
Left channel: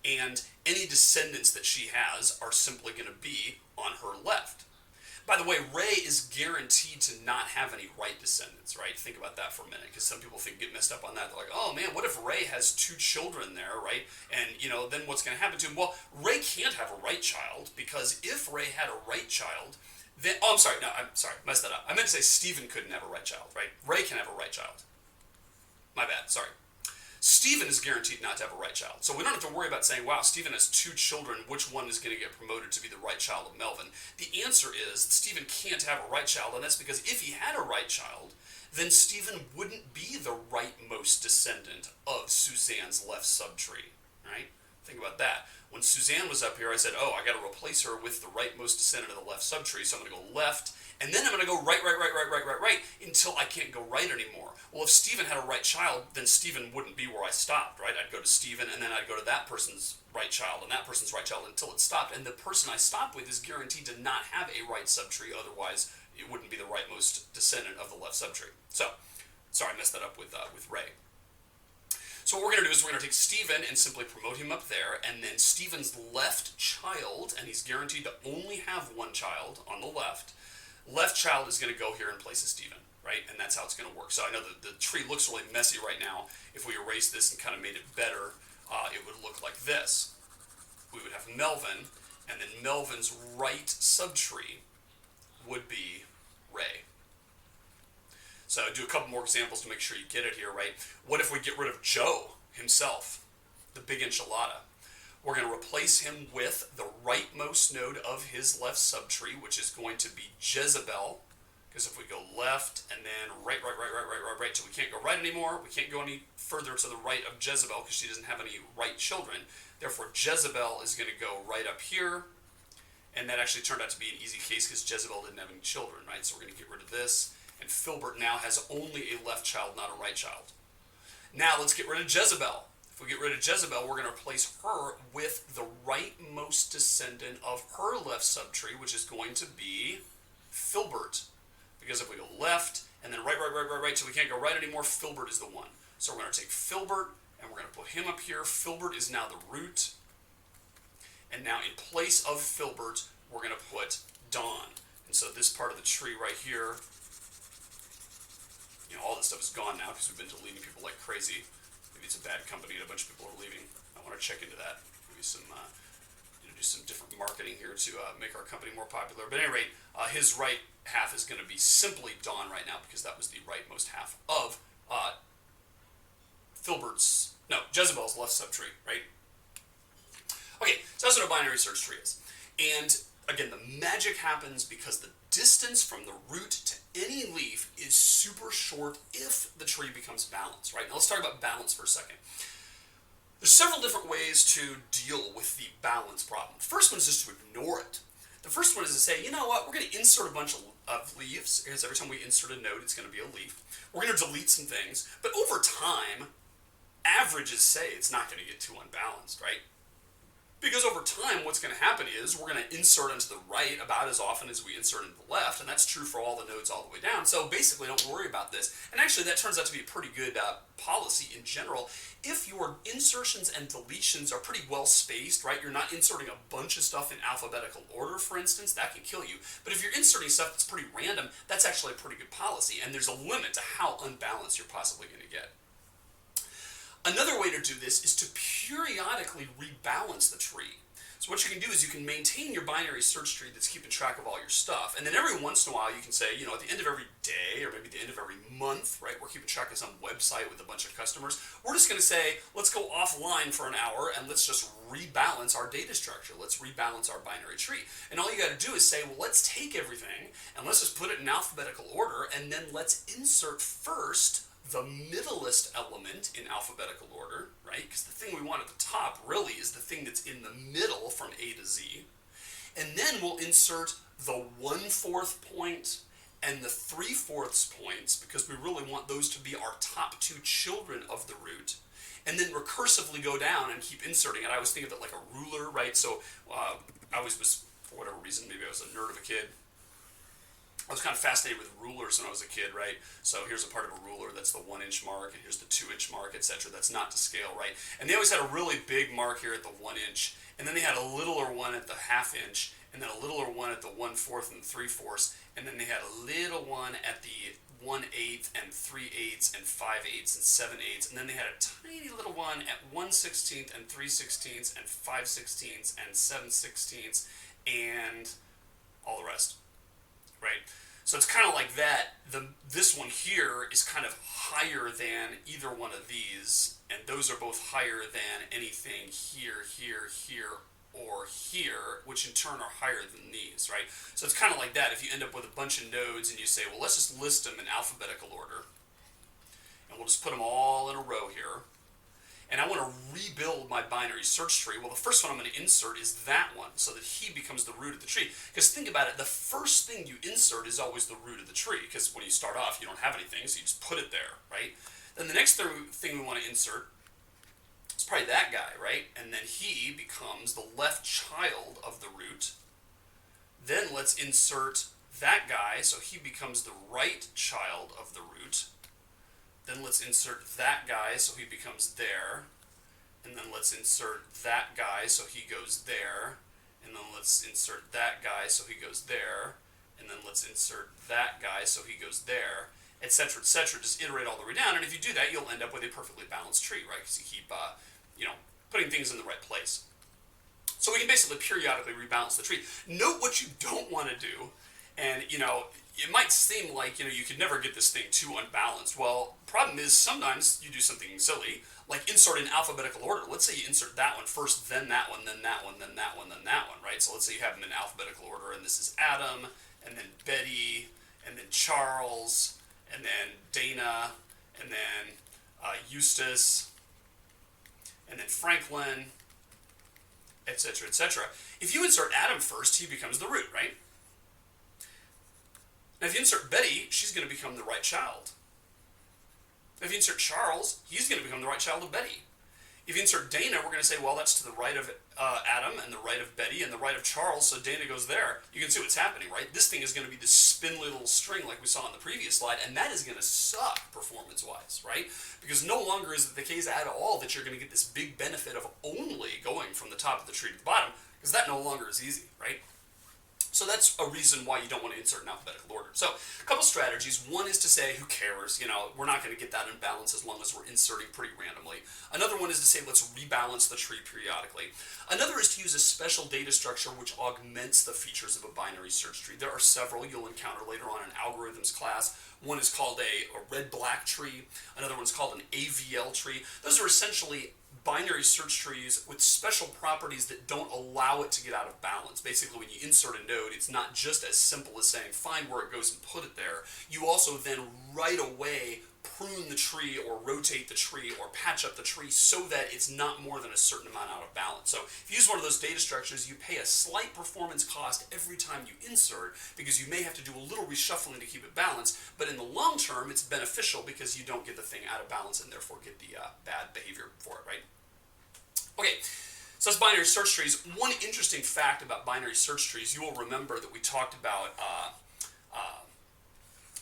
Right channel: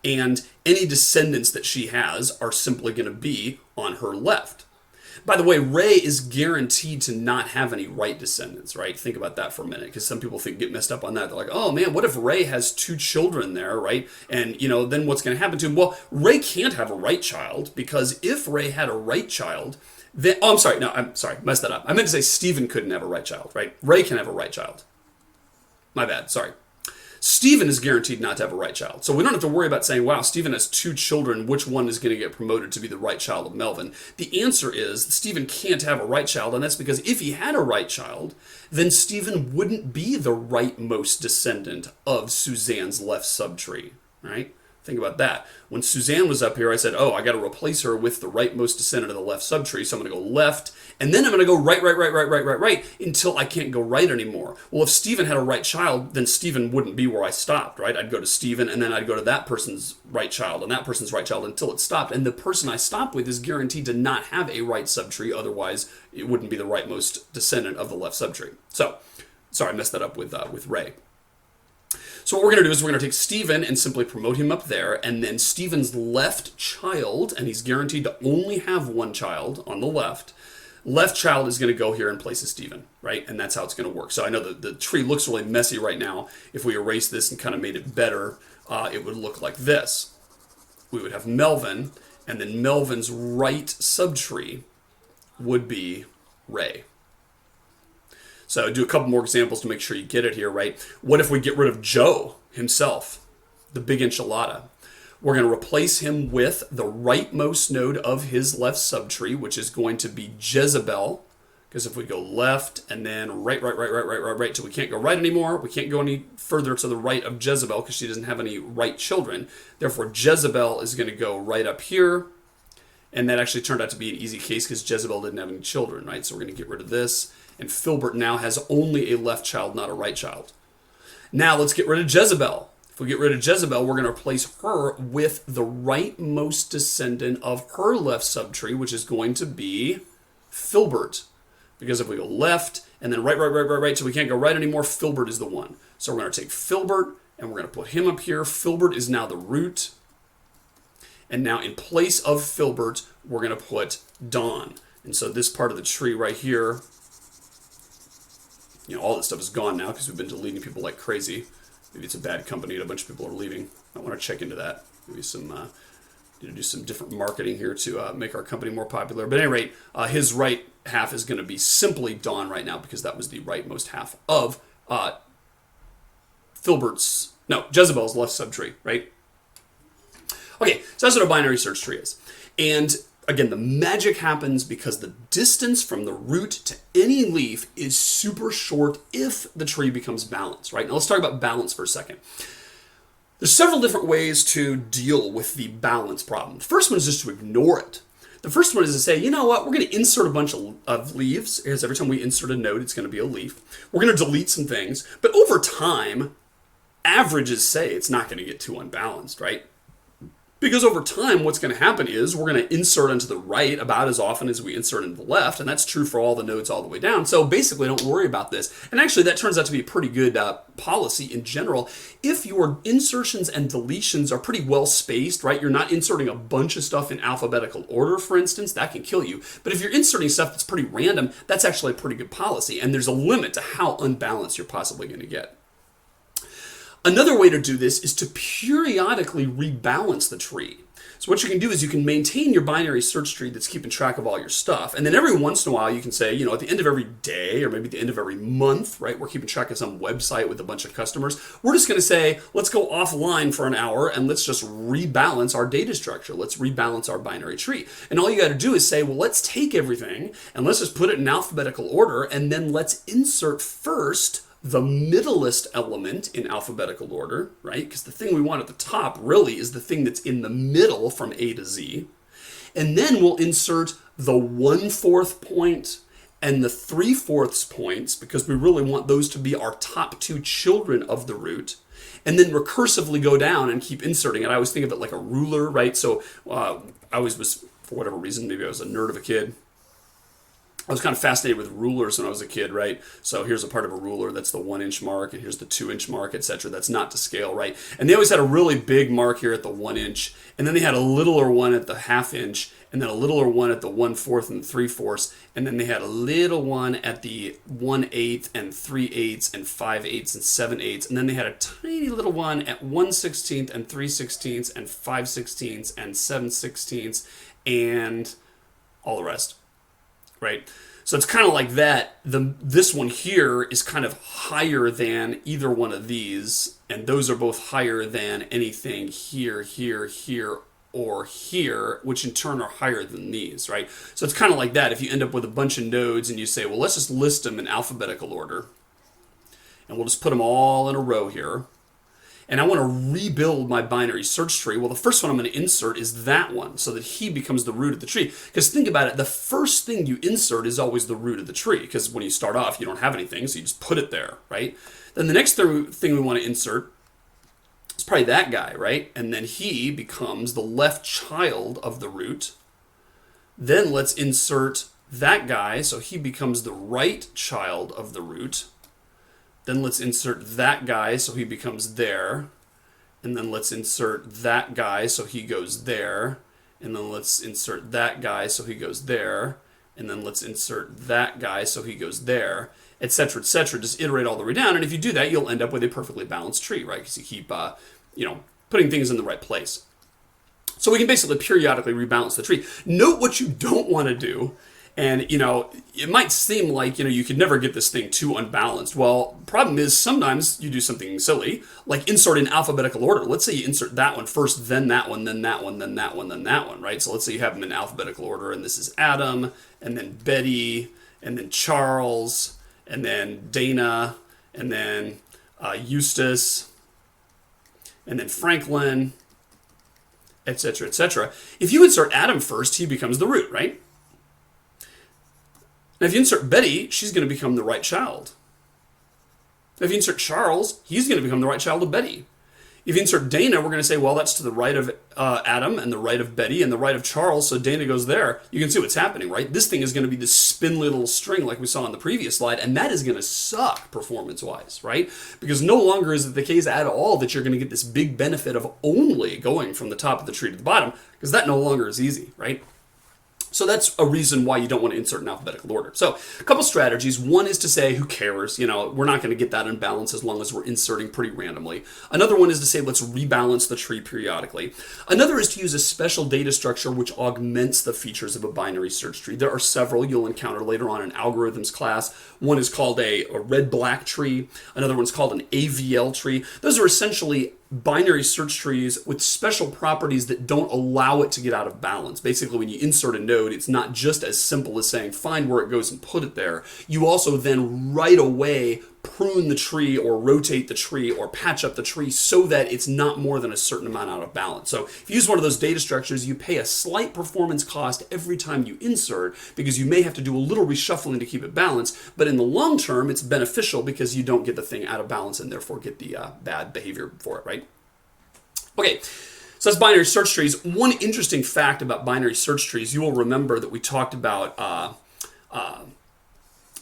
And any descendants that she has are simply going to be on her left. By the way, Ray is guaranteed to not have any right descendants, right? Think about that for a minute, because some people get messed up on that. They're like, oh man, what if Ray has 2 children there, right? And, then what's going to happen to him? Well, Ray can't have a right child, because if Ray had a right child, then, I'm sorry, messed that up. I meant to say Stephen couldn't have a right child, right? Ray can have a right child. My bad, sorry. Stephen is guaranteed not to have a right child. So we don't have to worry about saying, wow, Stephen has 2 children, which one is going to get promoted to be the right child of Melvin? The answer is Stephen can't have a right child, and that's because if he had a right child, then Stephen wouldn't be the rightmost descendant of Suzanne's left subtree, right? Think about that. When Suzanne was up here, I said, oh, I got to replace her with the rightmost descendant of the left subtree, so I'm going to go left, and then I'm going to go right, until I can't go right anymore. Well, if Stephen had a right child, then Stephen wouldn't be where I stopped, right? I'd go to Stephen, and then I'd go to that person's right child, and that person's right child, until it stopped. And the person I stopped with is guaranteed to not have a right subtree, otherwise it wouldn't be the rightmost descendant of the left subtree. So, sorry, I messed that up with Ray. So what we're going to do is we're going to take Stephen and simply promote him up there, and then Stephen's left child, and he's guaranteed to only have 1 child on the left child is going to go here in place of Stephen, right? And that's how it's going to work. So I know that the tree looks really messy right now. If we erase this and kind of made it better, it would look like this. We would have Melvin, and then Melvin's right subtree would be Ray. So do a couple more examples to make sure you get it here, right? What if we get rid of Joe himself, the big enchilada? We're going to replace him with the rightmost node of his left subtree, which is going to be Jezebel. Because if we go left and then right, so we can't go right anymore. We can't go any further to the right of Jezebel because she doesn't have any right children. Therefore, Jezebel is going to go right up here. And that actually turned out to be an easy case because Jezebel didn't have any children, right? So we're going to get rid of this. And Filbert now has only a left child, not a right child. Now let's get rid of Jezebel. If we get rid of Jezebel, we're going to replace her with the rightmost descendant of her left subtree, which is going to be Filbert. Because if we go left and then right, so we can't go right anymore, Filbert is the one. So we're going to take Filbert and we're going to put him up here. Filbert is now the root. And now in place of Filbert, we're going to put Don. And so this part of the tree right here, all this stuff is gone now because we've been deleting people like crazy. Maybe it's a bad company and a bunch of people are leaving. I want to check into that. Maybe do some different marketing here to make our company more popular. But at any rate, his right half is going to be simply Don right now because that was the rightmost half of Jezebel's left subtree, right? Okay, so that's what a binary search tree is. And again, the magic happens because the distance from the root to any leaf is super short if the tree becomes balanced, right? Now let's talk about balance for a second. There's several different ways to deal with the balance problem. The first one is just to ignore it. The first one is to say, you know what, we're going to insert a bunch of leaves, because every time we insert a node, it's going to be a leaf. We're going to delete some things, but over time, averages say it's not going to get too unbalanced, right? Because over time, what's going to happen is we're going to insert into the right about as often as we insert into the left, and that's true for all the nodes all the way down. So basically, don't worry about this. And actually, that turns out to be a pretty good policy in general. If your insertions and deletions are pretty well spaced, right? You're not inserting a bunch of stuff in alphabetical order, for instance, that can kill you. But if you're inserting stuff that's pretty random, that's actually a pretty good policy. And there's a limit to how unbalanced you're possibly going to get. Another way to do this is to periodically rebalance the tree. So what you can do is you can maintain your binary search tree that's keeping track of all your stuff. And then every once in a while you can say, at the end of every day or maybe the end of every month, right, we're keeping track of some website with a bunch of customers. We're just going to say, let's go offline for an hour and let's just rebalance our data structure. Let's rebalance our binary tree. And all you got to do is say, well, let's take everything and let's just put it in alphabetical order, and then let's insert first the middlest element in alphabetical order, right? Because the thing we want at the top really is the thing that's in the middle from A to Z. And then we'll insert the 1/4 point and the 3/4 points, because we really want those to be our top two children of the root. And then recursively go down and keep inserting it. I always think of it like a ruler, right? So I always was, for whatever reason, maybe I was a nerd of a kid, I was kind of fascinated with rulers when I was a kid, right? So here's a part of a ruler, that's the 1-inch mark, and here's the 2-inch mark, etc. That's not to scale, right? And they always had a really big mark here at the 1 inch, and then they had a littler one at the 1/2 inch, and then a littler one at the 1/4 and 3/4, and then they had a little one at the 1/8 and 3/8 and 5/8 and 7/8, and then they had a tiny little one at 1/16 and 3/16 and 5/16 and 7/16 and all the rest. Right? So it's kind of like that. This one here is kind of higher than either one of these, and those are both higher than anything here, here, here, or here, which in turn are higher than these, right? So it's kind of like that. If you end up with a bunch of nodes and you say, well, let's just list them in alphabetical order, and we'll just put them all in a row here. And I want to rebuild my binary search tree. Well, the first one I'm going to insert is that one, so that he becomes the root of the tree. Because think about it, the first thing you insert is always the root of the tree, because when you start off, you don't have anything, so you just put it there, right? Then the next thing we want to insert is probably that guy, right? And then he becomes the left child of the root. Then let's insert that guy, so he becomes the right child of the root. Then let's insert that guy so he becomes there. And then let's insert that guy so he goes there. And then let's insert that guy so he goes there. And then let's insert that guy so he goes there, etc., etc. Just iterate all the way down. And if you do that, you'll end up with a perfectly balanced tree, right? Because you keep putting things in the right place. So we can basically periodically rebalance the tree. Note what you don't want to do. And, it might seem like, you could never get this thing too unbalanced. Well, the problem is sometimes you do something silly, like insert in alphabetical order. Let's say you insert that one first, then that one, then that one, then that one, then that one, right? So let's say you have them in alphabetical order, and this is Adam, and then Betty, and then Charles, and then Dana, and then Eustace, and then Franklin, etc., etc. If you insert Adam first, he becomes the root, right? Now, if you insert Betty, she's going to become the right child. Now, if you insert Charles, he's going to become the right child of Betty. If you insert Dana, we're going to say, well, that's to the right of Adam and the right of Betty and the right of Charles, so Dana goes there. You can see what's happening, right? This thing is going to be this spindly little string like we saw on the previous slide, and that is going to suck performance-wise, right? Because no longer is it the case at all that you're going to get this big benefit of only going from the top of the tree to the bottom, because that no longer is easy, right? So that's a reason why you don't want to insert in alphabetical order. So a couple strategies. One is to say, who cares? We're not going to get that unbalance as long as we're inserting pretty randomly. Another one is to say, let's rebalance the tree periodically. Another is to use a special data structure which augments the features of a binary search tree. There are several you'll encounter later on in algorithms class. One is called a red-black tree. Another one's called an AVL tree. Those are essentially binary search trees with special properties that don't allow it to get out of balance. Basically, when you insert a node, it's not just as simple as saying find where it goes and put it there. You also then right away prune the tree or rotate the tree or patch up the tree so that it's not more than a certain amount out of balance. So if you use one of those data structures, you pay a slight performance cost every time you insert because you may have to do a little reshuffling to keep it balanced, but in the long term, it's beneficial because you don't get the thing out of balance and therefore get the bad behavior for it, right? Okay, so that's binary search trees. One interesting fact about binary search trees, you will remember that we talked about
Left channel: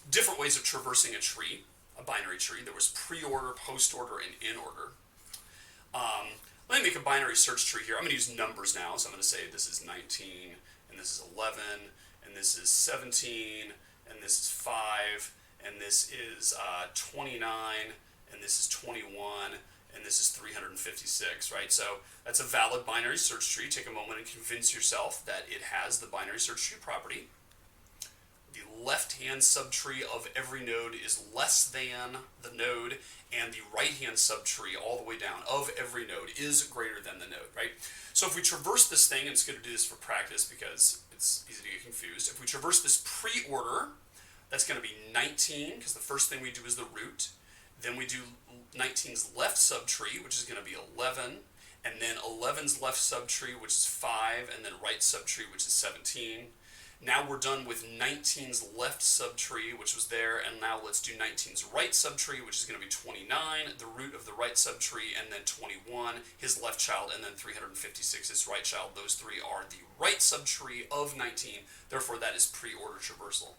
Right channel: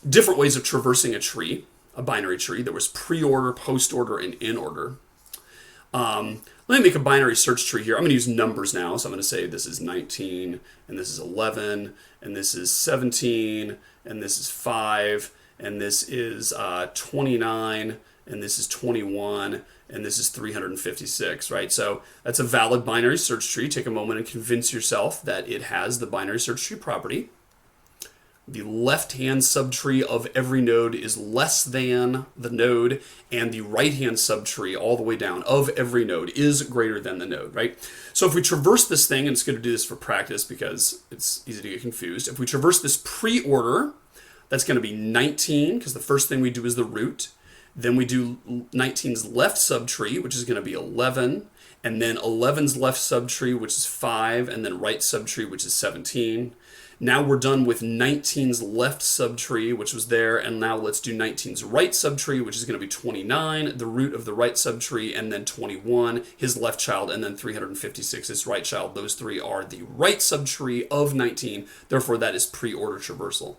different ways of traversing a tree, a binary tree. There was pre-order, post-order, and in-order. Let me make a binary search tree here. I'm going to use numbers now, so I'm going to say this is 19, and this is 11, and this is 17, and this is 5, and this is 29, and this is 21, and this is 356, right? So that's a valid binary search tree. Take a moment and convince yourself that it has the binary search tree property. The left-hand subtree of every node is less than the node, and the right-hand subtree all the way down of every node is greater than the node, right? So if we traverse this thing, and it's going to do this for practice because it's easy to get confused. If we traverse this pre-order, that's going to be 19, because the first thing we do is the root. Then we do 19's left subtree, which is going to be 11, and then 11's left subtree, which is 5, and then right subtree, which is 17. Now we're done with 19's left subtree, which was there, and now let's do 19's right subtree, which is going to be 29, the root of the right subtree, and then 21, his left child, and then 356, his right child. Those three are the right subtree of 19, therefore that is pre-order traversal.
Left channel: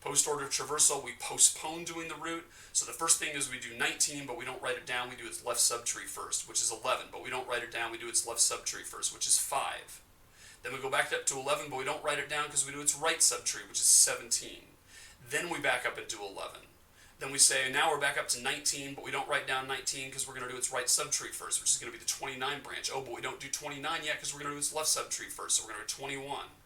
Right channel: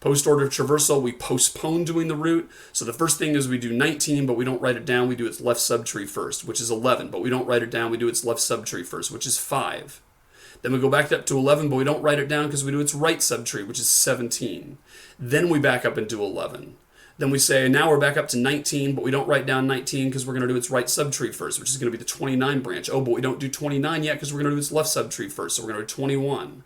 Post-order traversal, we postpone doing the root. So the first thing is we do 19, but we don't write it down. We do its left subtree first, which is 11, but we don't write it down. We do its left subtree first, which is 5. Then we go back up to 11, but we don't write it down because we do its right subtree, which is 17. Then we back up and do 11. Then we say, now we're back up to 19, but we don't write down 19 because we're going to do its right subtree first, which is going to be the 29 branch. Oh, but we don't do 29 yet because we're going to do its left subtree first, so we're going to do 21.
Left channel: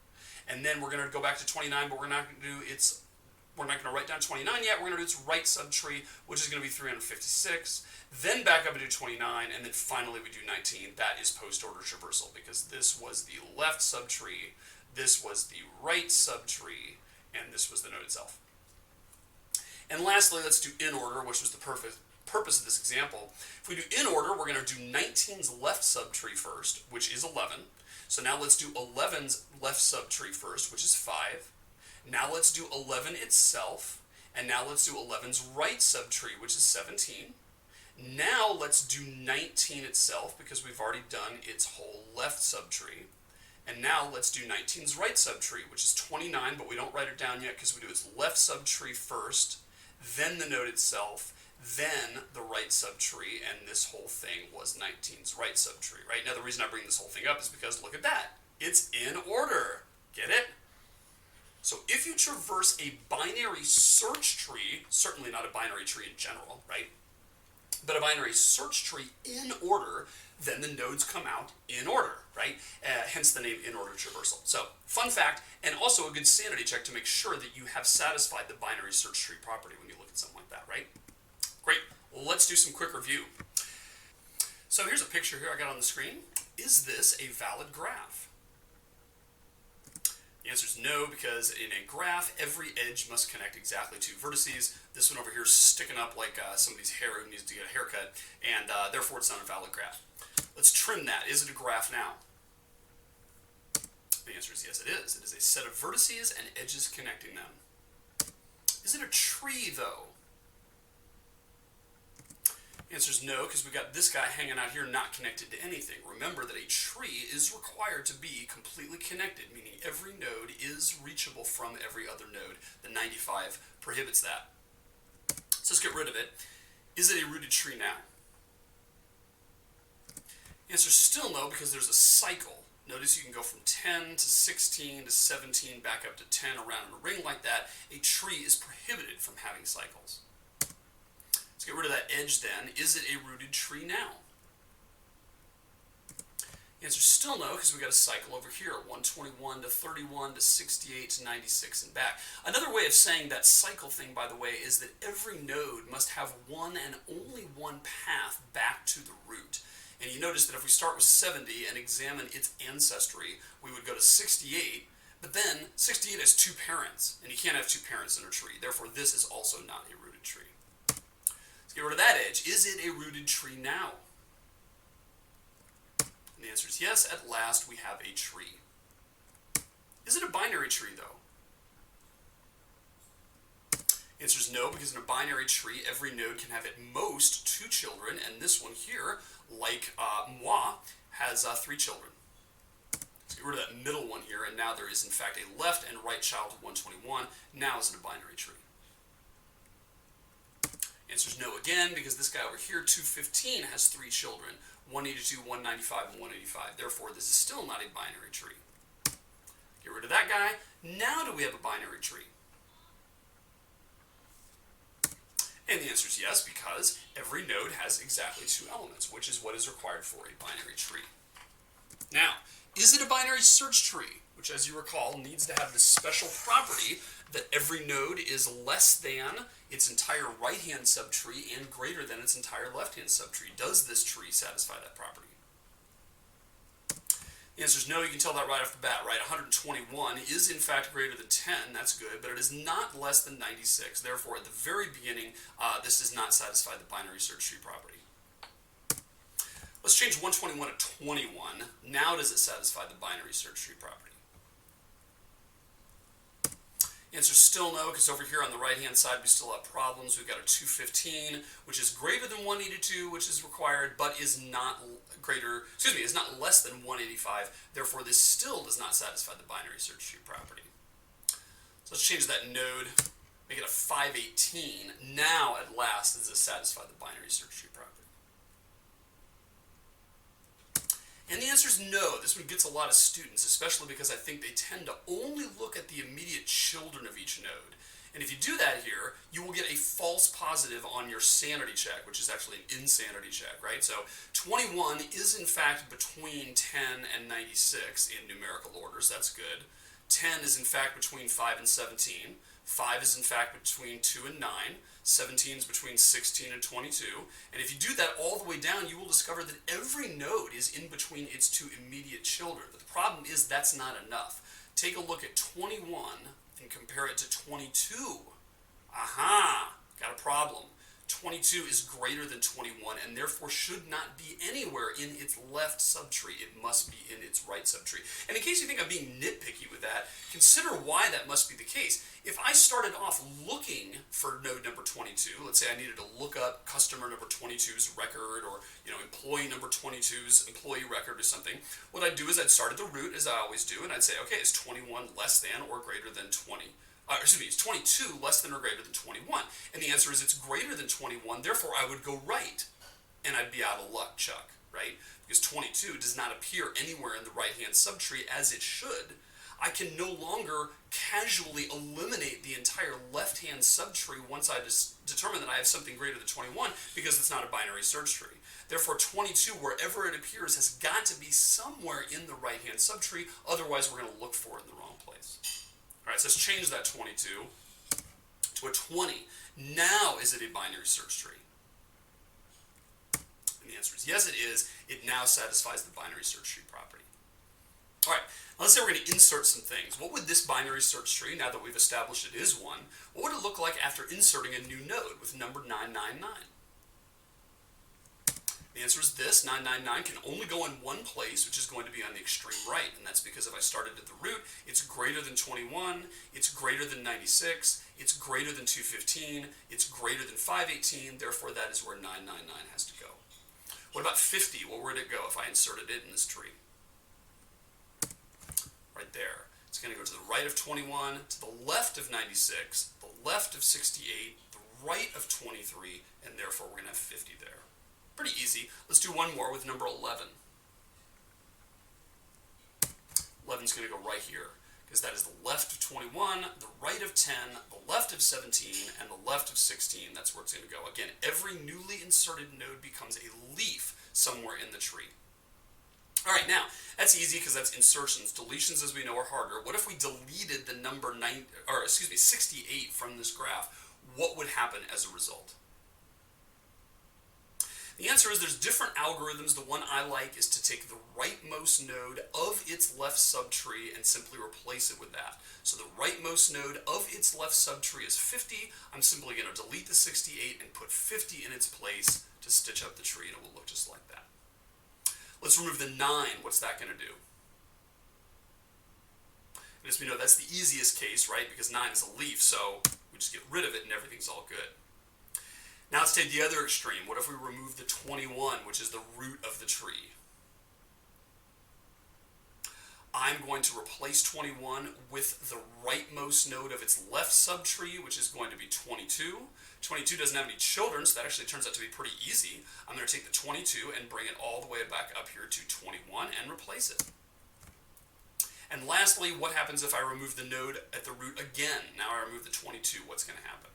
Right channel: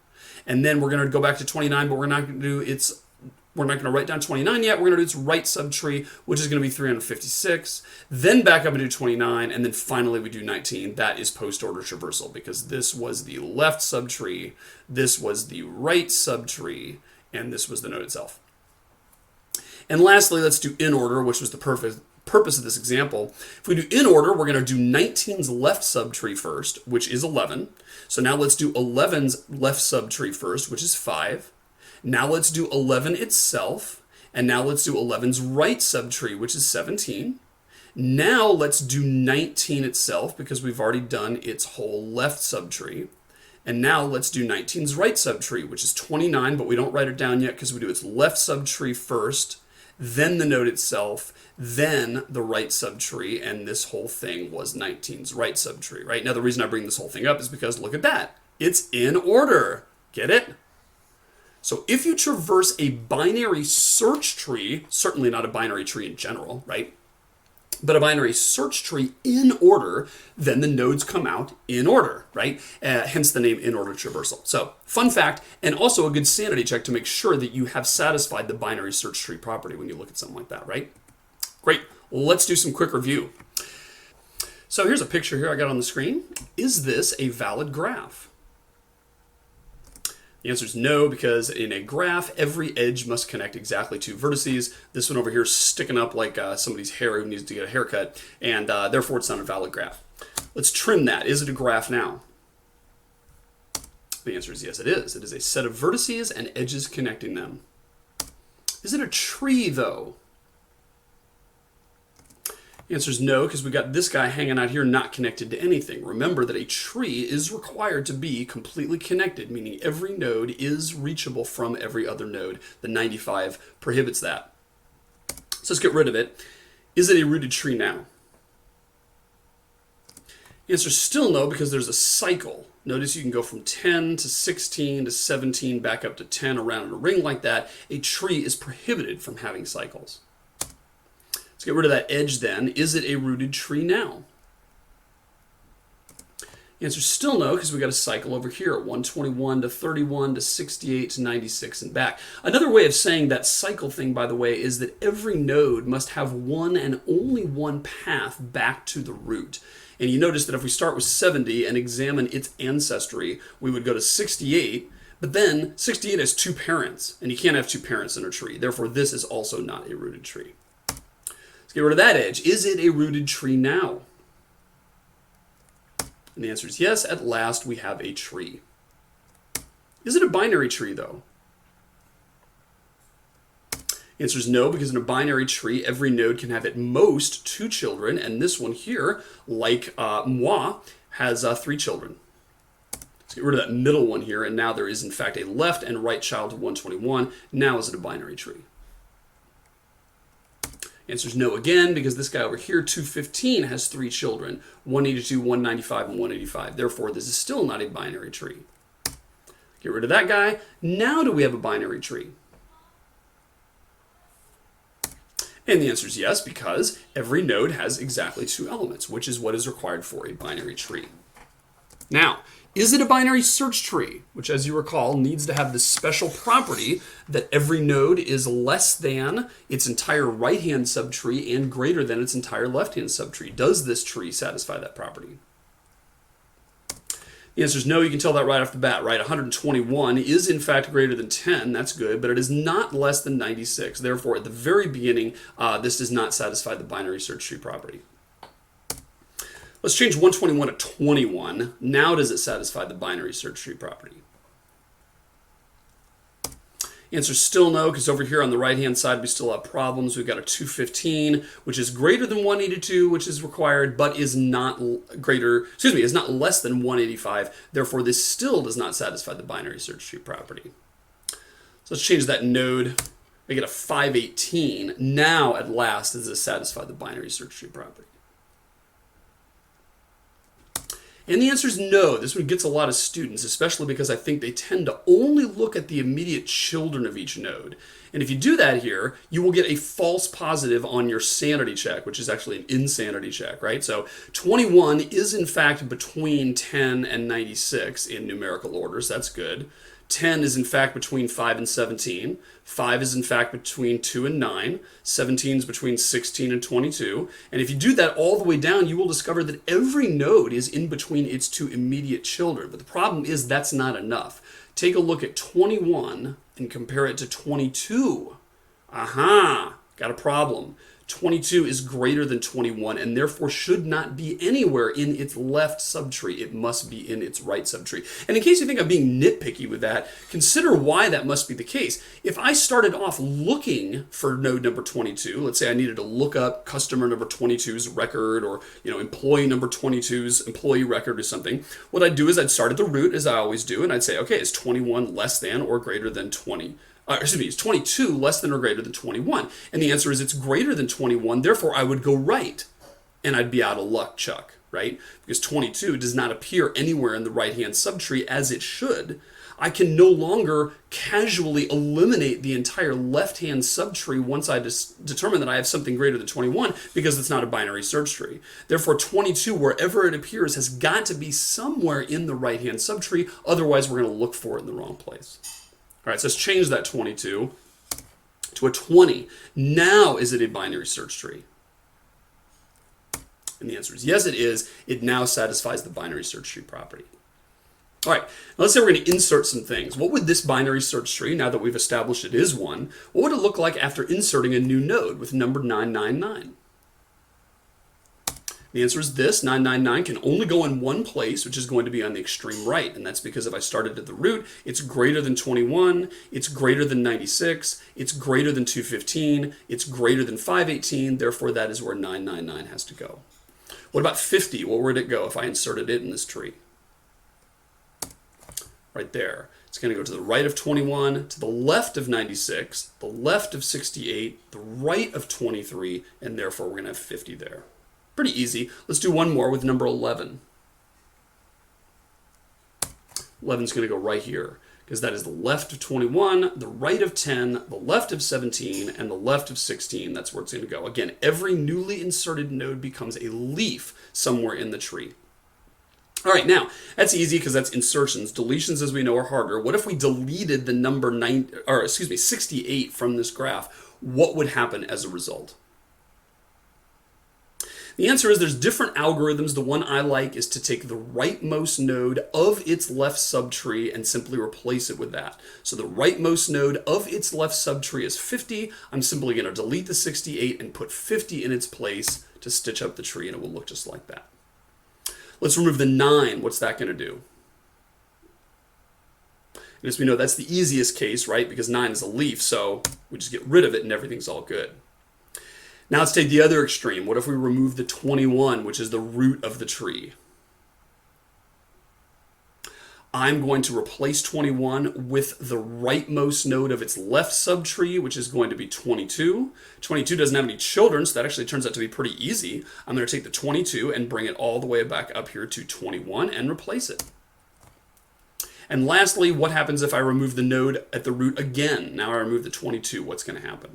And then we're going to go back to 29, but we're not going to write down 29 yet. We're going to do its right subtree, which is going to be 356. Then back up and do 29, and then finally we do 19. That is post-order traversal, because this was the left subtree, this was the right subtree, and this was the node itself. And lastly, let's do in order, which was the purpose of this example. If we do in order, we're going to do 19's left subtree first, which is 11. So now let's do 11's left subtree first, which is 5. Now let's do 11 itself, and now let's do 11's right subtree, which is 17. Now let's do 19 itself, because we've already done its whole left subtree. And now let's do 19's right subtree, which is 29, but we don't write it down yet because we do its left subtree first, then the node itself, then the right subtree, and this whole thing was 19's right subtree, right? Now the reason I bring this whole thing up is because look at that. It's in order. Get it? So if you traverse a binary search tree, certainly not a binary tree in general, right? But a binary search tree in order, then the nodes come out in order, right? Hence the name in order traversal. So fun fact, and also a good sanity check to make sure that you have satisfied the binary search tree property when you look at something like that, right? Great. Well, let's do some quick review. So here's a picture here I got on the screen. Is this a valid graph? The answer is no, because in a graph, every edge must connect exactly to vertices. This one over here is sticking up like somebody's hair who needs to get a haircut, and therefore it's not a valid graph. Let's trim that. Is it a graph now? The answer is yes, it is. It is a set of vertices and edges connecting them. Is it a tree, though? The answer is no, because we got this guy hanging out here not connected to anything. Remember that a tree is required to be completely connected, meaning every node is reachable from every other node. The 95 prohibits that. So let's get rid of it. Is it a rooted tree now? The answer is still no, because there's a cycle. Notice you can go from 10 to 16 to 17, back up to 10, around in a ring like that. A tree is prohibited from having cycles. Get rid of that edge then. Is it a rooted tree now? The answer is still no, because we got a cycle over here, 121 to 31 to 68 to 96 and back. Another way of saying that cycle thing, by the way, is that every node must have one and only one path back to the root. And you notice that if we start with 70 and examine its ancestry, we would go to 68, but then 68 has two parents, and you can't have two parents in a tree. Therefore, this is also not a rooted tree. Get rid of that edge. Is it a rooted tree now? And the answer is yes. At last, we have a tree. Is it a binary tree, though? The answer is no, because in a binary tree, every node can have at most 2 children, and this one here, like moi, has 3 children. Let's get rid of that middle one here, and now there is, in fact, a left and right child of 121. Now is it a binary tree? Answer is no again, because this guy over here, 215, has 3 children, 182, 195, and 185. Therefore, this is still not a binary tree. Get rid of that guy. Now do we have a binary tree? And the answer is yes, because every node has exactly 2 elements, which is what is required for a binary tree. Now, is it a binary search tree? Which, as you recall, needs to have this special property that every node is less than its entire right-hand subtree and greater than its entire left-hand subtree. Does this tree satisfy that property? The answer is no. You can tell that right off the bat, right? 121 is in fact greater than 10. That's good, but it is not less than 96. Therefore, at the very beginning, this does not satisfy the binary search tree property. Let's change 121 to 21. Now does it satisfy the binary search tree property? Answer is still no, because over here on the right-hand side, we still have problems. We've got a 215, which is greater than 182, which is required, but is not is not less than 185. Therefore, this still does not satisfy the binary search tree property. So let's change that node. We get a 518. Now, at last, does this satisfy the binary search tree property? And the answer is no. This one gets a lot of students, especially because I think they tend to only look at the immediate children of each node. And if you do that here, you will get a false positive on your sanity check, which is actually an insanity check, right? So 21 is in fact between 10 and 96 in numerical orders. That's good. 10 is in fact between 5 and 17. 5 is in fact between 2 and 9. 17 is between 16 and 22. And if you do that all the way down, you will discover that every node is in between its 2 immediate children. But the problem is that's not enough. Take a look at 21 and compare it to 22. Aha, got a problem. 22 is greater than 21 and therefore should not be anywhere in its left subtree. It must be in its right subtree. And in case you think I'm being nitpicky with that, consider why that must be the case. If I started off looking for node number 22, let's say I needed to look up customer number 22's record or employee number 22's employee record or something, what I'd do is I'd start at the root as I always do and I'd say, okay, is 21 less than or greater than 20? Is 22 less than or greater than 21? And the answer is it's greater than 21, therefore I would go right. And I'd be out of luck, Chuck, right? Because 22 does not appear anywhere in the right-hand subtree as it should. I can no longer casually eliminate the entire left-hand subtree once I determine that I have something greater than 21 because it's not a binary search tree. Therefore, 22, wherever it appears, has got to be somewhere in the right-hand subtree. Otherwise, we're going to look for it in the wrong place. All right, so let's change that 22 to a 20. Now, is it a binary search tree? And the answer is yes, it is. It now satisfies the binary search tree property. All right, now let's say we're going to insert some things. What would this binary search tree, now that we've established it is one, what would it look like after inserting a new node with number 999? The answer is this. 999 can only go in one place, which is going to be on the extreme right. And that's because if I started at the root, it's greater than 21, it's greater than 96, it's greater than 215, it's greater than 518. Therefore, that is where 999 has to go. What about 50? Where would it go if I inserted it in this tree? Right there. It's going to go to the right of 21, to the left of 96, the left of 68, the right of 23, and therefore we're going to have 50 there. Pretty easy. Let's do one more with number 11. 11 is going to go right here because that is the left of 21, the right of 10, the left of 17, and the left of 16. That's where it's going to go. Again, every newly inserted node becomes a leaf somewhere in the tree. All right, now, that's easy because that's insertions. Deletions, as we know, are harder. What if we deleted the number 68 from this graph? What would happen as a result? The answer is there's different algorithms. The one I like is to take the rightmost node of its left subtree and simply replace it with that. So the rightmost node of its left subtree is 50. I'm simply going to delete the 68 and put 50 in its place to stitch up the tree, and it will look just like that. Let's remove the 9. What's that going to do? And as we know, that's the easiest case, right? Because 9 is a leaf, so we just get rid of it and everything's all good. Now let's take the other extreme. What if we remove the 21, which is the root of the tree? I'm going to replace 21 with the rightmost node of its left subtree, which is going to be 22. 22 doesn't have any children, so that actually turns out to be pretty easy. I'm going to take the 22 and bring it all the way back up here to 21 and replace it. And lastly, what happens if I remove the node at the root again? Now I remove the 22. What's going to happen?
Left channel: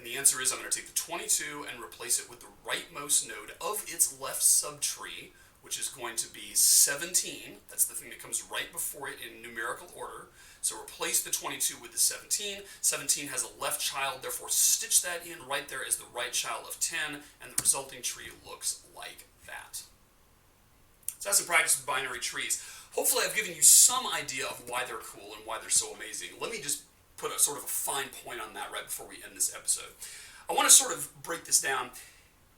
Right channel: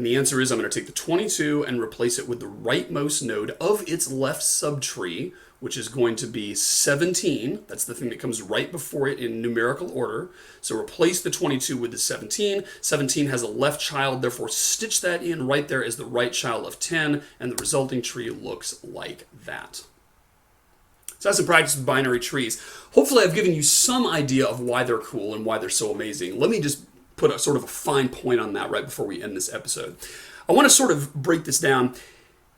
And the answer is I'm going to take the 22 and replace it with the rightmost node of its left subtree, which is going to be 17. That's the thing that comes right before it in numerical order. So replace the 22 with the 17. 17 has a left child, therefore stitch that in right there as the right child of 10, and the resulting tree looks like that. So that's some practice with binary trees. Hopefully I've given you some idea of why they're cool and why they're so amazing. Let me just put a sort of a fine point on that right before we end this episode. I want to sort of break this down.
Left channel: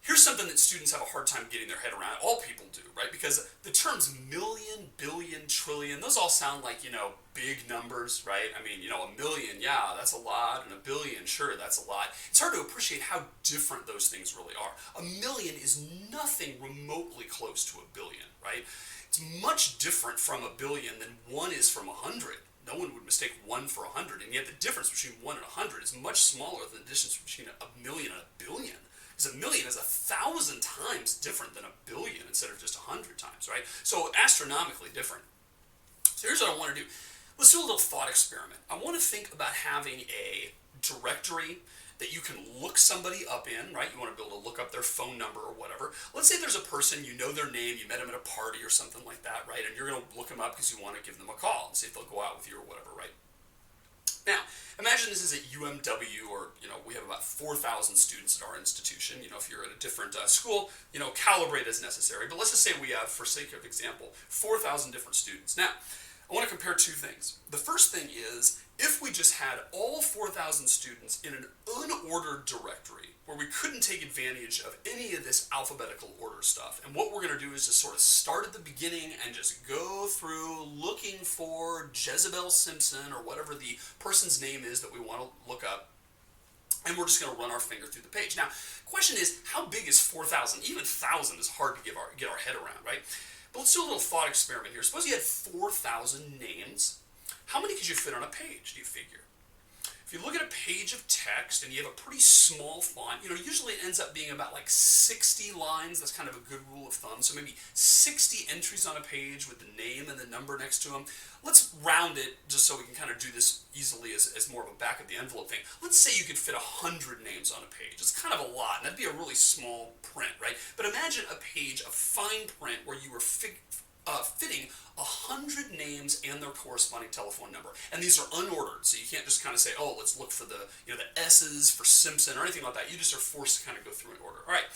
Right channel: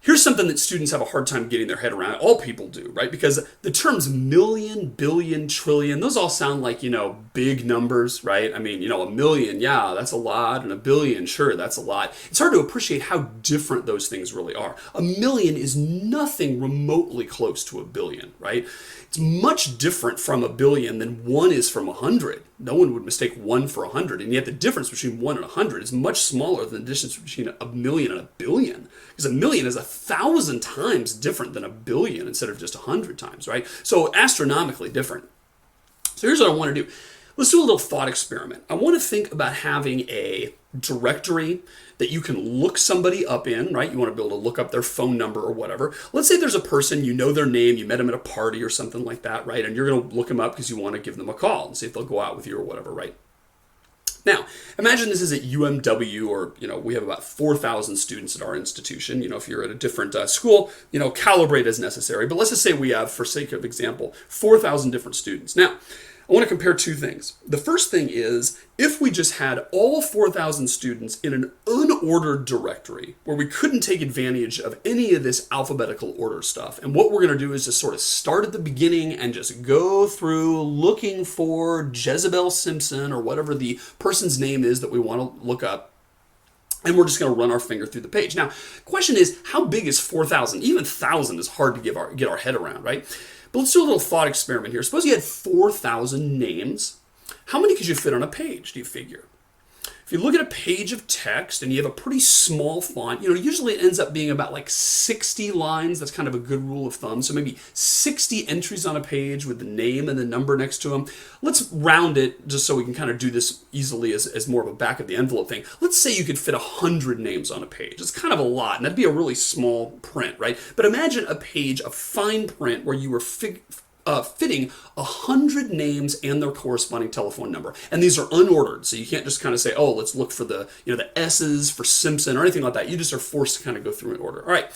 Here's something that students have a hard time getting their head around. All people do, right? Because the terms million, billion, trillion, those all sound like, big numbers, right? I mean, a million, yeah, that's a lot. And a billion, sure, that's a lot. It's hard to appreciate how different those things really are. A million is nothing remotely close to a billion, right? It's much different from a billion than one is from 100. No one would mistake one for 100. And yet the difference between 1 and 100 is much smaller than the distance between a million and a billion. Because a million is 1,000 times different than a billion instead of just 100 times, right? So astronomically different. So here's what I want to do. Let's do a little thought experiment. I want to think about having a directory that you can look somebody up in, right? You want to be able to look up their phone number or whatever. Let's say there's a person, you know their name, you met them at a party or something like that, right? And you're going to look them up because you want to give them a call and see if they'll go out with you or whatever, right? Now, imagine this is at UMW, or, we have about 4,000 students at our institution. If you're at a different school, calibrate as necessary. But let's just say we have, for sake of example, 4,000 different students. Now, I want to compare two things. The first thing is, if we just had all 4,000 students in an unordered directory where we couldn't take advantage of any of this alphabetical order stuff, and what we're going to do is just sort of start at the beginning and just go through looking for Jezebel Simpson or whatever the person's name is that we want to look up, and we're just going to run our finger through the page. Now, the question is, how big is 4,000? Even 1,000 is hard to get our head around, right? But let's do a little thought experiment here. Suppose you had 4,000 names. How many could you fit on a page, do you figure? If you look at a page of text and you have a pretty small font, usually it ends up being about like 60 lines. That's kind of a good rule of thumb. So maybe 60 entries on a page with the name and the number next to them. Let's round it just so we can kind of do this easily as more of a back of the envelope thing. Let's say you could fit 100 names on a page. It's kind of a lot, and that'd be a really small print, right? But imagine a page of fine print where you were fitting 100 names and their corresponding telephone number. And these are unordered, so you can't just kind of say, oh, let's look for the S's for Simpson or anything like that. You just are forced to kind of go through in order. All right,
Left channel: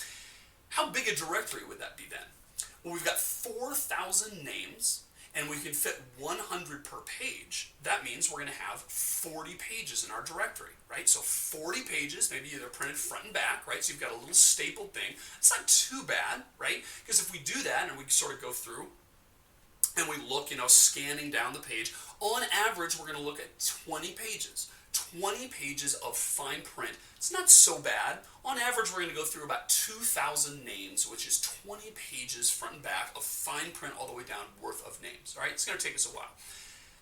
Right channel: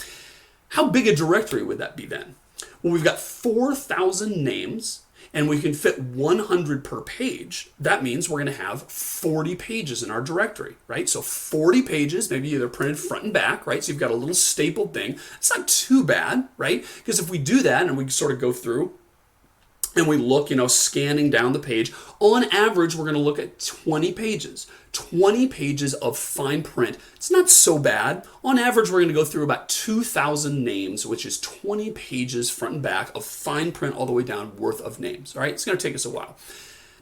how big a directory would that be then? Well, we've got 4,000 names, and we can fit 100 per page. That means we're going to have 40 pages in our directory, right? So 40 pages, maybe they're printed front and back, right? So you've got a little stapled thing. It's not too bad, right? Because if we do that and we sort of go through and we look, scanning down the page, on average, we're going to look at 20 pages. 20 pages of fine print. It's not so bad. On average, we're going to go through about 2,000 names, which is 20 pages front and back of fine print all the way down worth of names. All right, it's going to take us a while.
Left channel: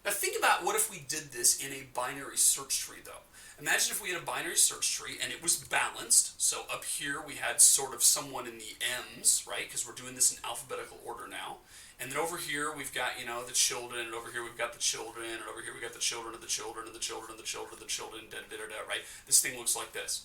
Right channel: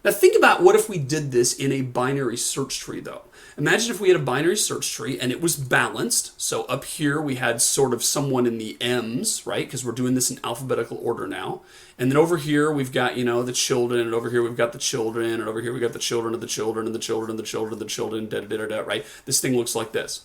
Now think about what if we did this in a binary search tree, though. Imagine if we had a binary search tree and it was balanced. So up here we had sort of someone in the M's, right? Because we're doing this in alphabetical order now. And then over here we've got, the children, and over here we've got the children, and over here we've got the children of the children, and the children of the children of the children, right? This thing looks like this.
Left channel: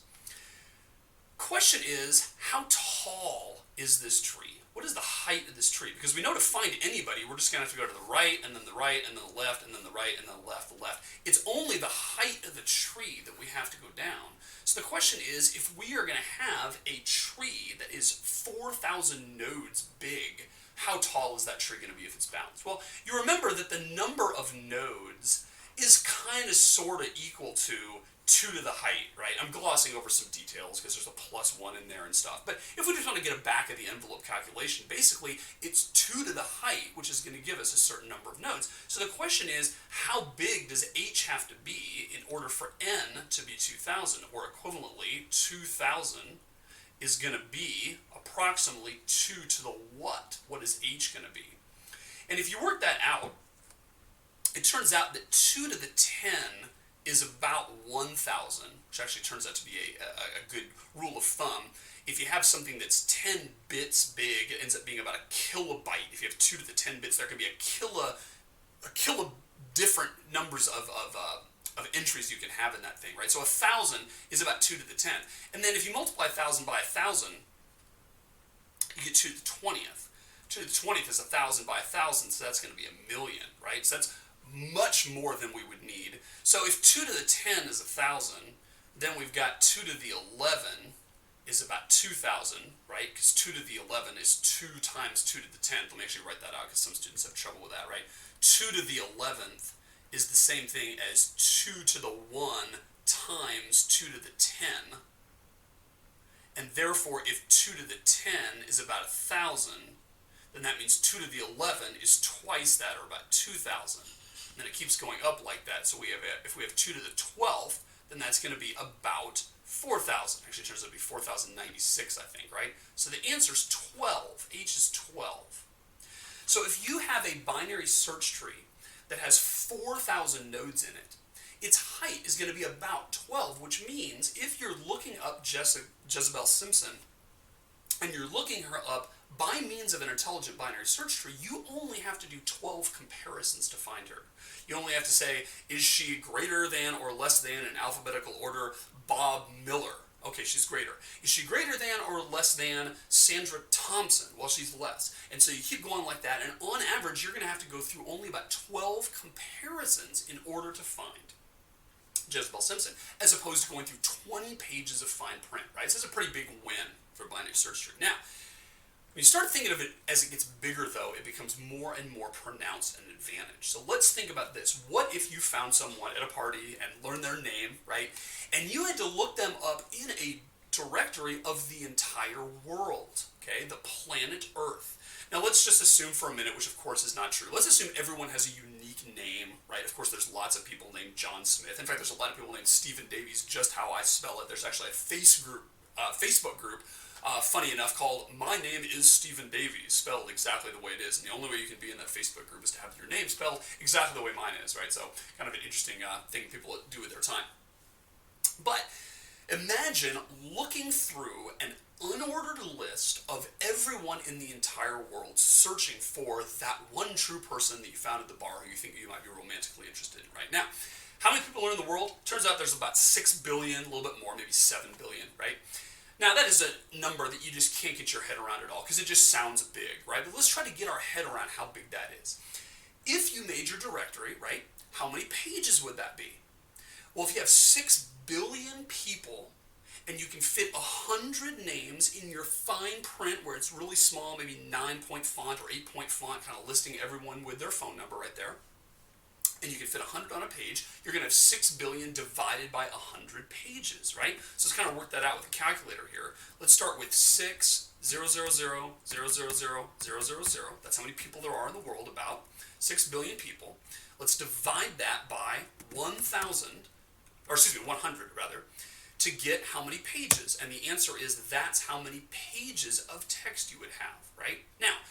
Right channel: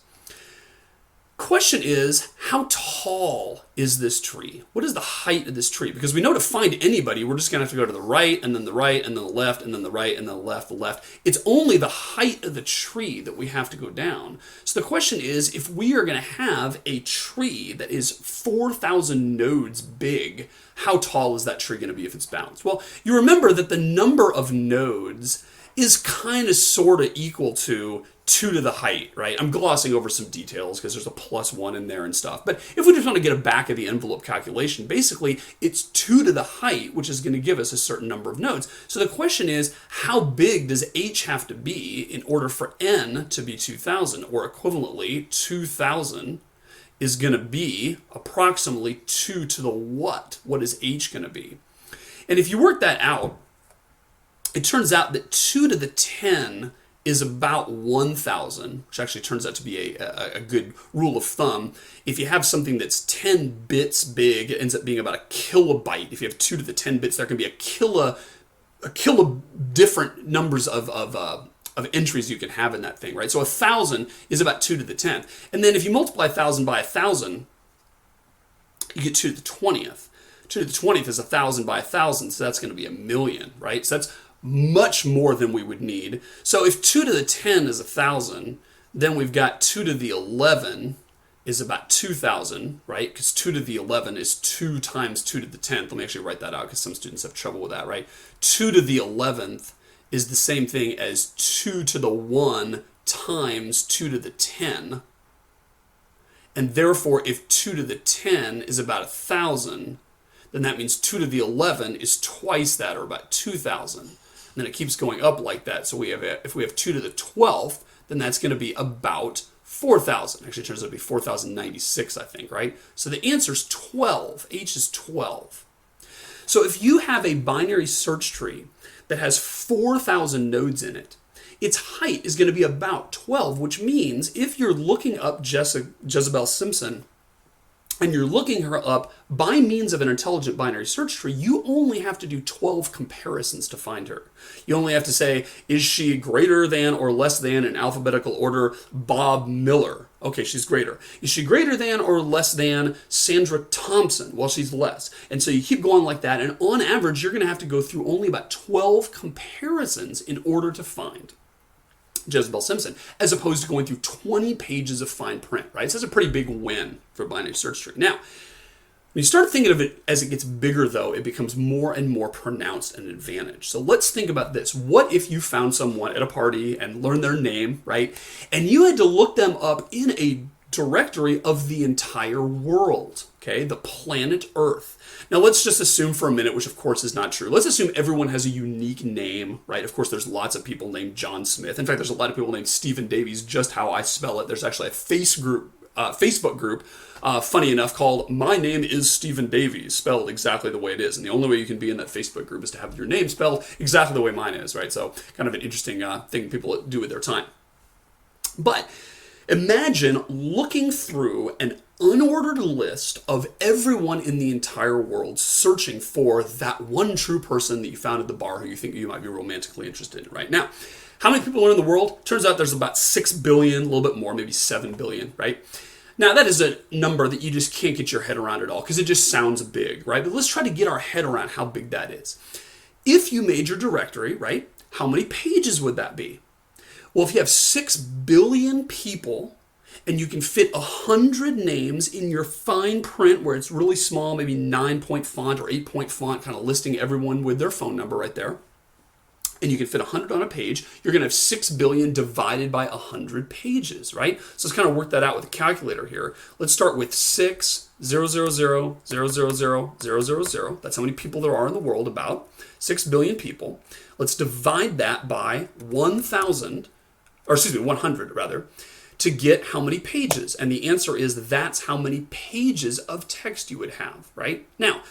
Question is, how tall is this tree? What is the height of this tree? Because we know to find anybody, we're just going to have to go to the right, and then the right, and then the left, and then the right, and then the left. It's only the height of the tree that we have to go down. So the question is, if we are going to have a tree that is 4,000 nodes big, how tall is that tree going to be if it's balanced? Well, you remember that the number of nodes is kind of sort of equal to 2 to the height, right? I'm glossing over some details because there's a +1 in there and stuff. But if we just want to get a back of the envelope calculation, basically it's 2 to the height, which is going to give us a certain number of nodes. So the question is, how big does h have to be in order for n to be 2,000? Or equivalently, 2,000 is going to be approximately 2 to the what? What is h going to be? And if you work that out, it turns out that 2 to the 10 is about 1,000, which actually turns out to be a good rule of thumb. If you have something that's 10 bits big, it ends up being about a kilobyte. If you have 2 to the 10 bits, there can be a kilo different numbers of of entries you can have in that thing, right? So 1,000 is about 2 to the 10th. And then if you multiply 1,000 by 1,000, you get 2 to the 20th. 2 to the 20th is 1,000 by 1,000, so that's going to be 1,000,000, right? So that's much more than we would need. So if 2 to the 10 is 1,000, then we've got 2 to the 11 is about 2,000, right? Because 2 to the 11 is 2 times 2 to the 10th. Let me actually write that out because some students have trouble with that, right? 2 to the 11th is the same thing as 2 to the 1 times 2 to the 10. And therefore, if 2 to the 10 is about 1,000, then that means 2 to the 11 is twice that, or about 2,000. And then it keeps going up like that. So if we have 2 to the 12th, then that's going to be about 4,000. Actually, it turns out to be 4,096, I think, right? So the answer is 12. H is 12. So if you have a binary search tree that has 4,000 nodes in it, its height is going to be about 12, which means if you're looking up Jezebel Simpson and you're looking her up by means of an intelligent binary search tree, you only have to do 12 comparisons to find her. You only have to say, is she greater than or less than, in alphabetical order, Bob Miller? Okay, she's greater. Is she greater than or less than Sandra Thompson? Well, she's less. And so you keep going like that, and on average, you're going to have to go through only about 12 comparisons in order to find Jezebel Simpson, as opposed to going through 20 pages of fine print, right? So that's a pretty big win for a binary search tree. Now, when you start thinking of it as it gets bigger, though, it becomes more and more pronounced an advantage. So let's think about this. What if you found someone at a party and learned their name, right? And you had to look them up in a directory of the entire world, okay? The planet Earth. Now, let's just assume for a minute, which of course is not true. Let's assume everyone has a unique name, right? Of course, there's lots of people named John Smith. In fact, there's a lot of people named Stephen Davies, just how I spell it. There's actually a Facebook group, funny enough, called My Name is Stephen Davies, spelled exactly the way it is. And the only way you can be in that Facebook group is to have your name spelled exactly the way mine is, right? So kind of an interesting thing people do with their time. But imagine looking through an unordered list of everyone in the entire world searching for that one true person that you found at the bar who you think you might be romantically interested in right now. How many people are in the world? Turns out there's about 6 billion, a little bit more, maybe 7 billion, right? Now, that is a number that you just can't get your head around at all because it just sounds big, right? But let's try to get our head around how big that is. If you made your directory, right, how many pages would that be? Well, if you have 6 billion people and you can fit 100 names in your fine print where it's really small, maybe 9-point font or 8-point font, kind of listing everyone with their phone number right there, and you can fit 100 on a page, you're going to have 6 billion divided by 100 pages, right? So let's kind of work that out with a calculator here. Let's start with 6,000,000,000,000. That's how many people there are in the world, about 6 billion people. Let's divide that by 100 rather, to get how many pages. And the answer is that's how many pages of text you would have, right? Now,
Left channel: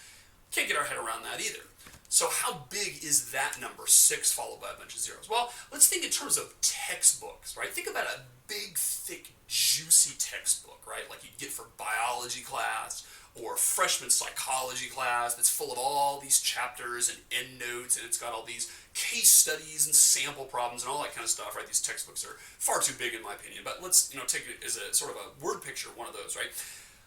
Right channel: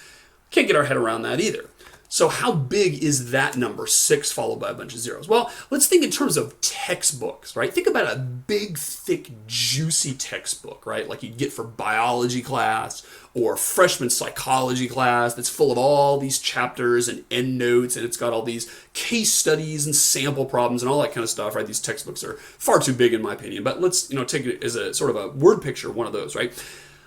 can't get our head around that either. So how big is that number, 6 followed by a bunch of zeros? Well, let's think in terms of textbooks, right? Think about a big, thick, juicy textbook, right? Like you'd get for biology class or freshman psychology class that's full of all these chapters and endnotes, and it's got all these case studies and sample problems and all that kind of stuff, right? These textbooks are far too big in my opinion, but let's take it as a sort of a word picture, one of those, right?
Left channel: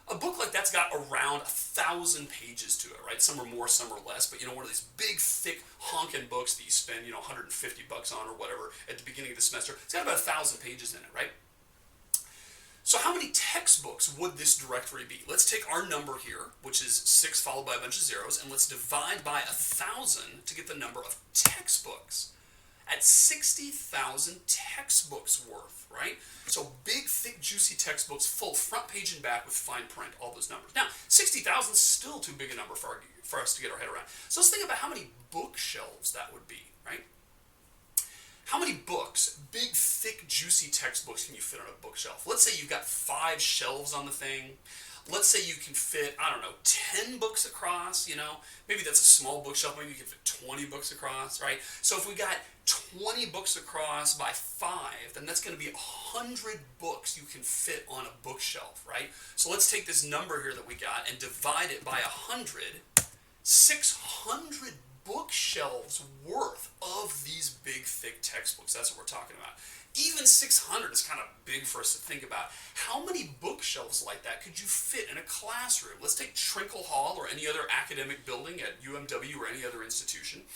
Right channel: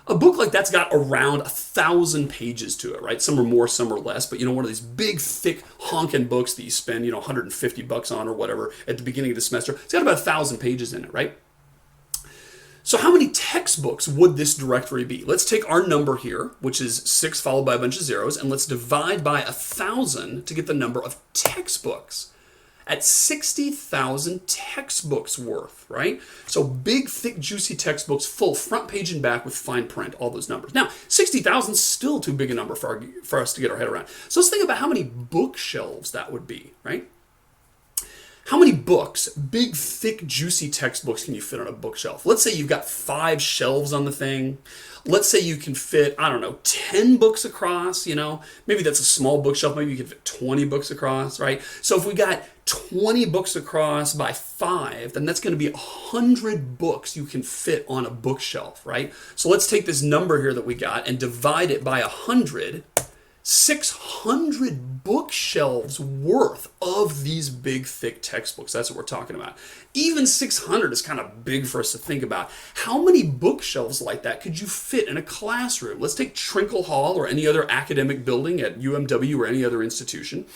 A book like that's got around 1,000 pages to it, right? Some are more, some are less, but one of these big, thick, honking books that you spend, $150 on or whatever at the beginning of the semester, it's got about 1,000 pages in it, right? So how many textbooks would this directory be? Let's take our number here, which is 6 followed by a bunch of zeros, and let's divide by 1,000 to get the number of textbooks. At 60,000 textbooks worth, right? So big, thick, juicy textbooks, full front page and back with fine print, all those numbers. Now, 60,000 is still too big a number for us to get our head around. So let's think about how many bookshelves that would be, right? How many books, big, thick, juicy textbooks can you fit on a bookshelf? Let's say you've got 5 shelves on the thing. Let's say you can fit, 10 books across, maybe that's a small bookshelf. Maybe you can fit 20 books across, right? So if we got 20 books across by 5, then that's going to be 100 books you can fit on a bookshelf, right? So let's take this number here that we got and divide it by 100, 600 bookshelves worth of these big, thick textbooks. That's what we're talking about. Even 600 is kind of big for us to think about. How many bookshelves like that could you fit in a classroom? Let's take Trinkle Hall or any other academic building at UMW or any other institution.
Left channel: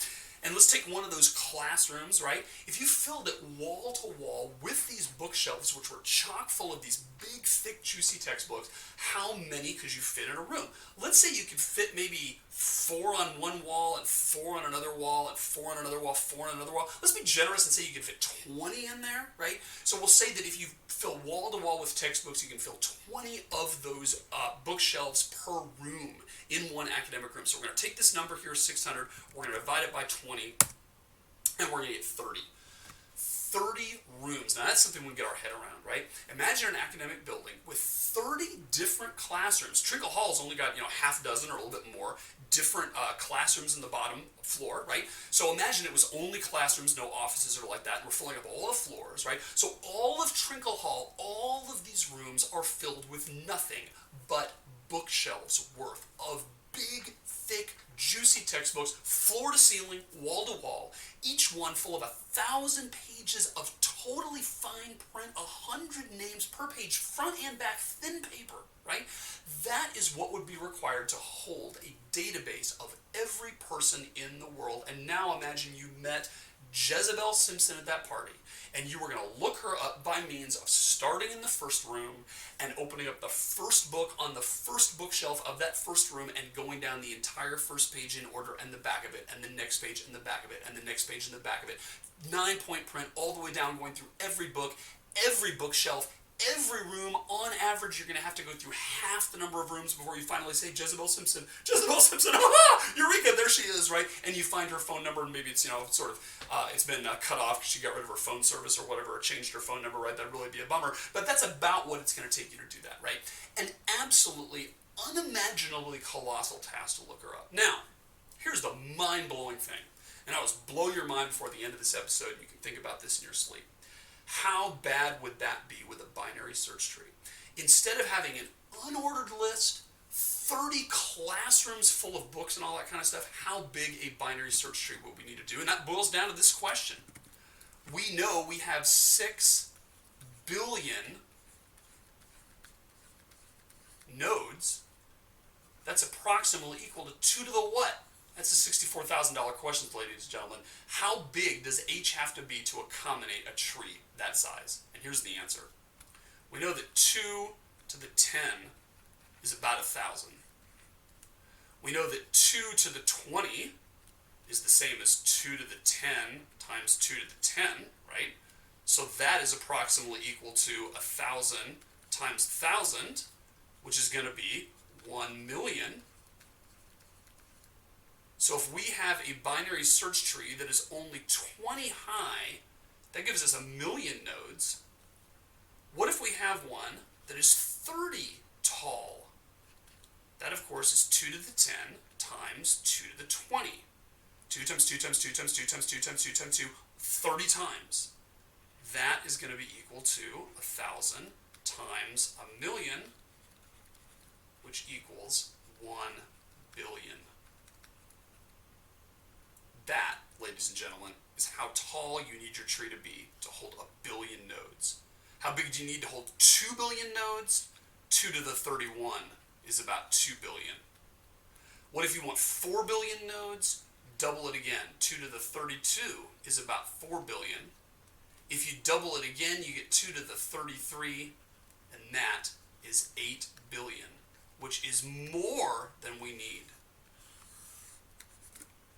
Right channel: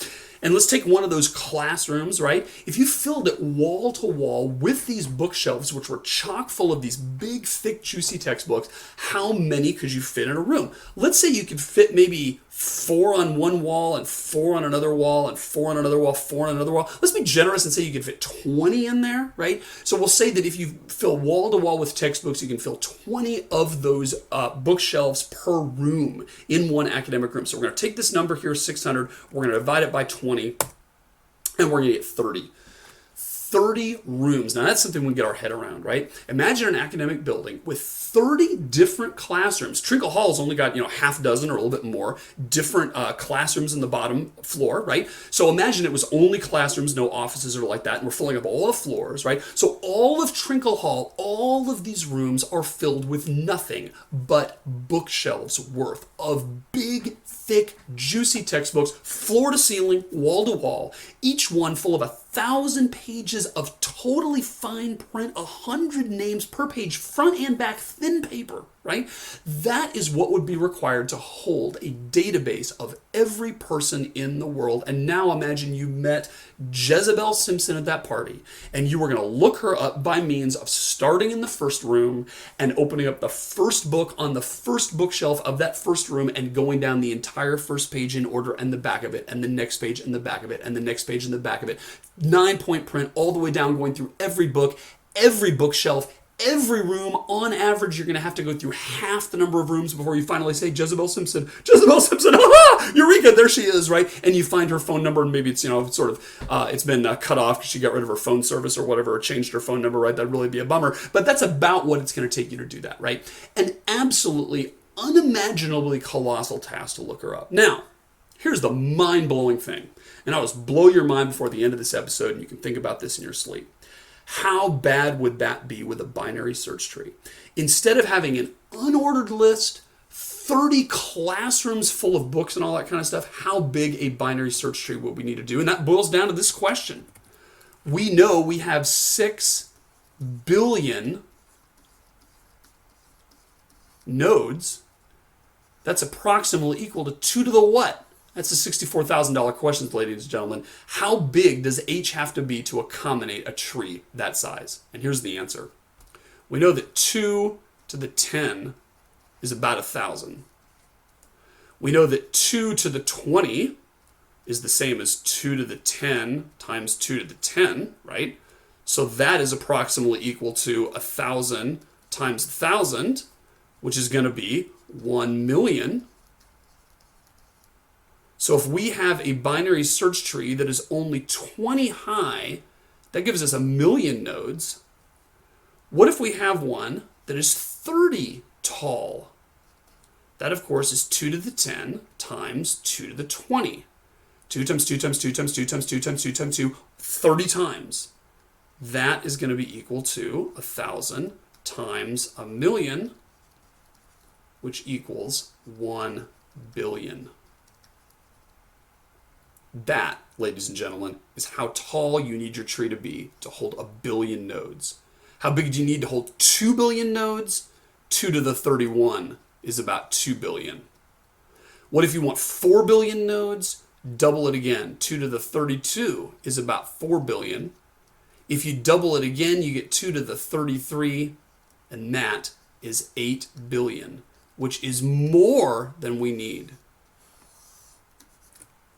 And let's take one of those classrooms, right? If you filled it wall to wall with these bookshelves, which were chock full of these big, thick, juicy textbooks, how many could you fit in a room? Let's say you could fit maybe 4 on one wall and 4 on another wall and 4 on another wall, 4 on another wall. Let's be generous and say you can fit 20 in there, right? So we'll say that if you fill wall to wall with textbooks, you can fill 20 of those bookshelves per room in one academic room. So we're going to take this number here, 600, we're going to divide it by 20, and we're going to get 30. 30 rooms. Now that's something we can get our head around, right? Imagine an academic building with 30 different classrooms. Trinkle Hall's only got, half dozen or a little bit more different classrooms in the bottom floor, right? So imagine it was only classrooms, no offices or like that, and we're filling up all the floors, right? So all of Trinkle Hall, all of these rooms are filled with nothing but bookshelves worth of big, thick, juicy textbooks, floor to ceiling, wall to wall, each one full of 1,000 pages of totally fine print, 100 names per page, front and back, thin paper, right? That is what would be required to hold a database of every person in the world. And now imagine you met Jezebel Simpson at that party, and you were going to look her up by means of starting in the first room and opening up the first book on the first bookshelf of that first room and going down the entire first page in order and the back of it and the next page and the back of it and the next page and the back of it. 9-point print all the way down, going through every book, every bookshelf, every room. On average, you're going to have to go through half the number of rooms before you finally say, Jezebel Simpson, aha, Eureka, there she is, right? And you find her phone number, and maybe it's, it's been cut off because she got rid of her phone service or whatever, or changed her phone number, right? That'd really be a bummer. But that's about what it's going to take you to do that, right? An absolutely unimaginably colossal task to look her up. Now, here's the mind-blowing thing. And I'll just blow your mind before the end of this episode, and you can think about this in your sleep. How bad would that be with a binary search tree? Instead of having an unordered list, 30 classrooms full of books and all that kind of stuff, how big a binary search tree would we need to do? And that boils down to this question. We know we have 6 billion nodes. That's approximately equal to 2 to the what? That's a $64,000 question, ladies and gentlemen. How big does H have to be to accommodate a tree that size? And here's the answer. We know that 2 to the 10 is about 1,000. We know that 2 to the 20 is the same as 2 to the 10 times 2 to the 10, right? So that is approximately equal to 1,000 times 1,000, which is going to be 1 million. So if we have a binary search tree that is only 20 high, that gives us 1 million nodes. What if we have one that is 30 tall? That, of course, is 2 to the 10 times 2 to the 20. 2 times 2 times 2 times 2 times 2 times 2 times 2, 30 times. That is going to be equal to 1,000 times 1 million, which equals 1 billion. That, ladies and gentlemen, is how tall you need your tree to be to hold 1 billion nodes. How big do you need to hold 2 billion nodes? 2 to the 31 is about 2 billion. What if you want 4 billion nodes? Double it again. 2 to the 32 is about 4 billion. If you double it again, you get 2 to the 33, and that is 8 billion, which is more than we need.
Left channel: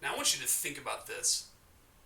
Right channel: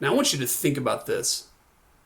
Now I want you to think about this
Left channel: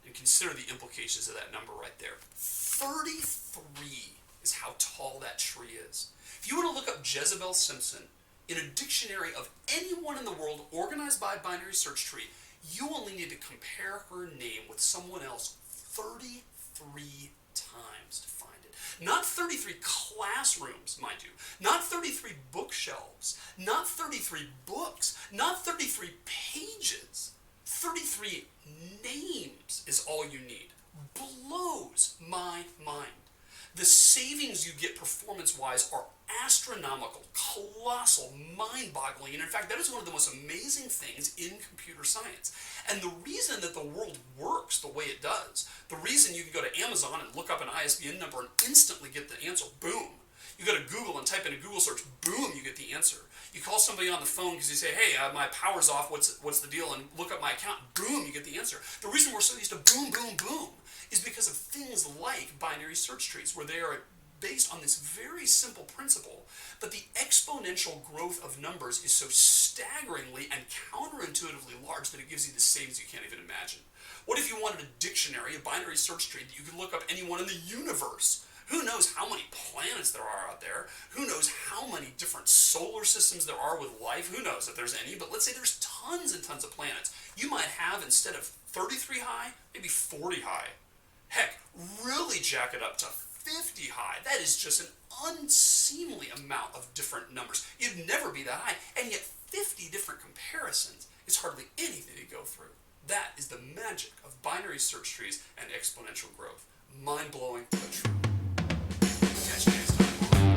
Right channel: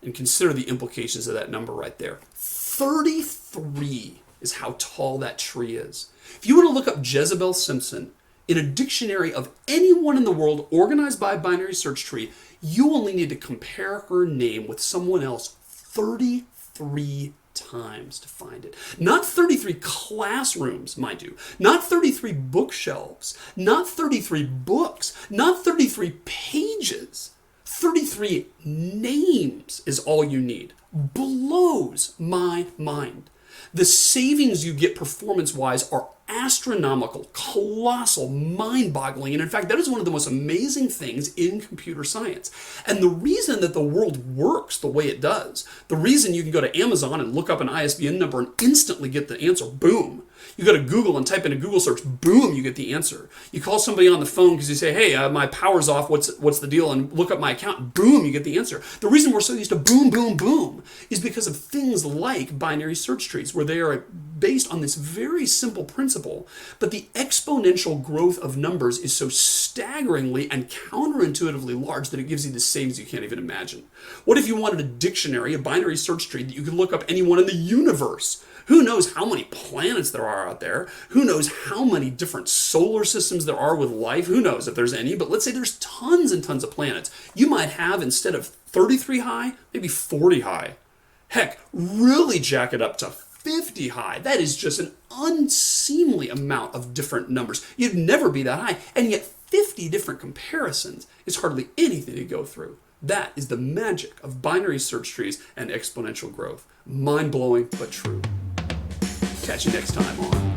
and consider the implications of that number right there. 33 is how tall that tree is. If you were to look up Jezebel Simpson in a dictionary of anyone in the world organized by a binary search tree, you only need to compare her name with someone else 33 times to find it. Not 33 classrooms, mind you. Not 33 bookshelves. Not 33 books. Not 33 pages. 33 names is all you need. Blows my mind. The savings you get performance-wise are astronomical, colossal, mind-boggling, and in fact, that is one of the most amazing things in computer science. And the reason that the world works the way it does, the reason you can go to Amazon and look up an ISBN number and instantly get the answer, boom. You go to Google and type in a Google search, boom, you get the answer. You call somebody on the phone because you say, hey, my power's off, what's the deal? And look up my account, boom, you get the answer. The reason we're so used to boom, boom, boom is because of things like binary search trees, where they are based on this very simple principle, but the exponential growth of numbers is so staggeringly and counterintuitively large that it gives you the savings you can't even imagine. What if you wanted a dictionary, a binary search tree that you could look up anyone in the universe? Who knows how many planets there are out there? Who knows how many different solar systems there are with life? Who knows if there's any? But let's say there's tons and tons of planets. You might have, instead of 33 high, maybe 40 high. Heck, really jack it up to 50 high. That is just an unseemly amount of different numbers. You'd never be that high, and yet 50 different comparisons is hardly anything to go through. That is the magic of binary search trees and exponential growth. Mind-blowing, but true. Catch you next time on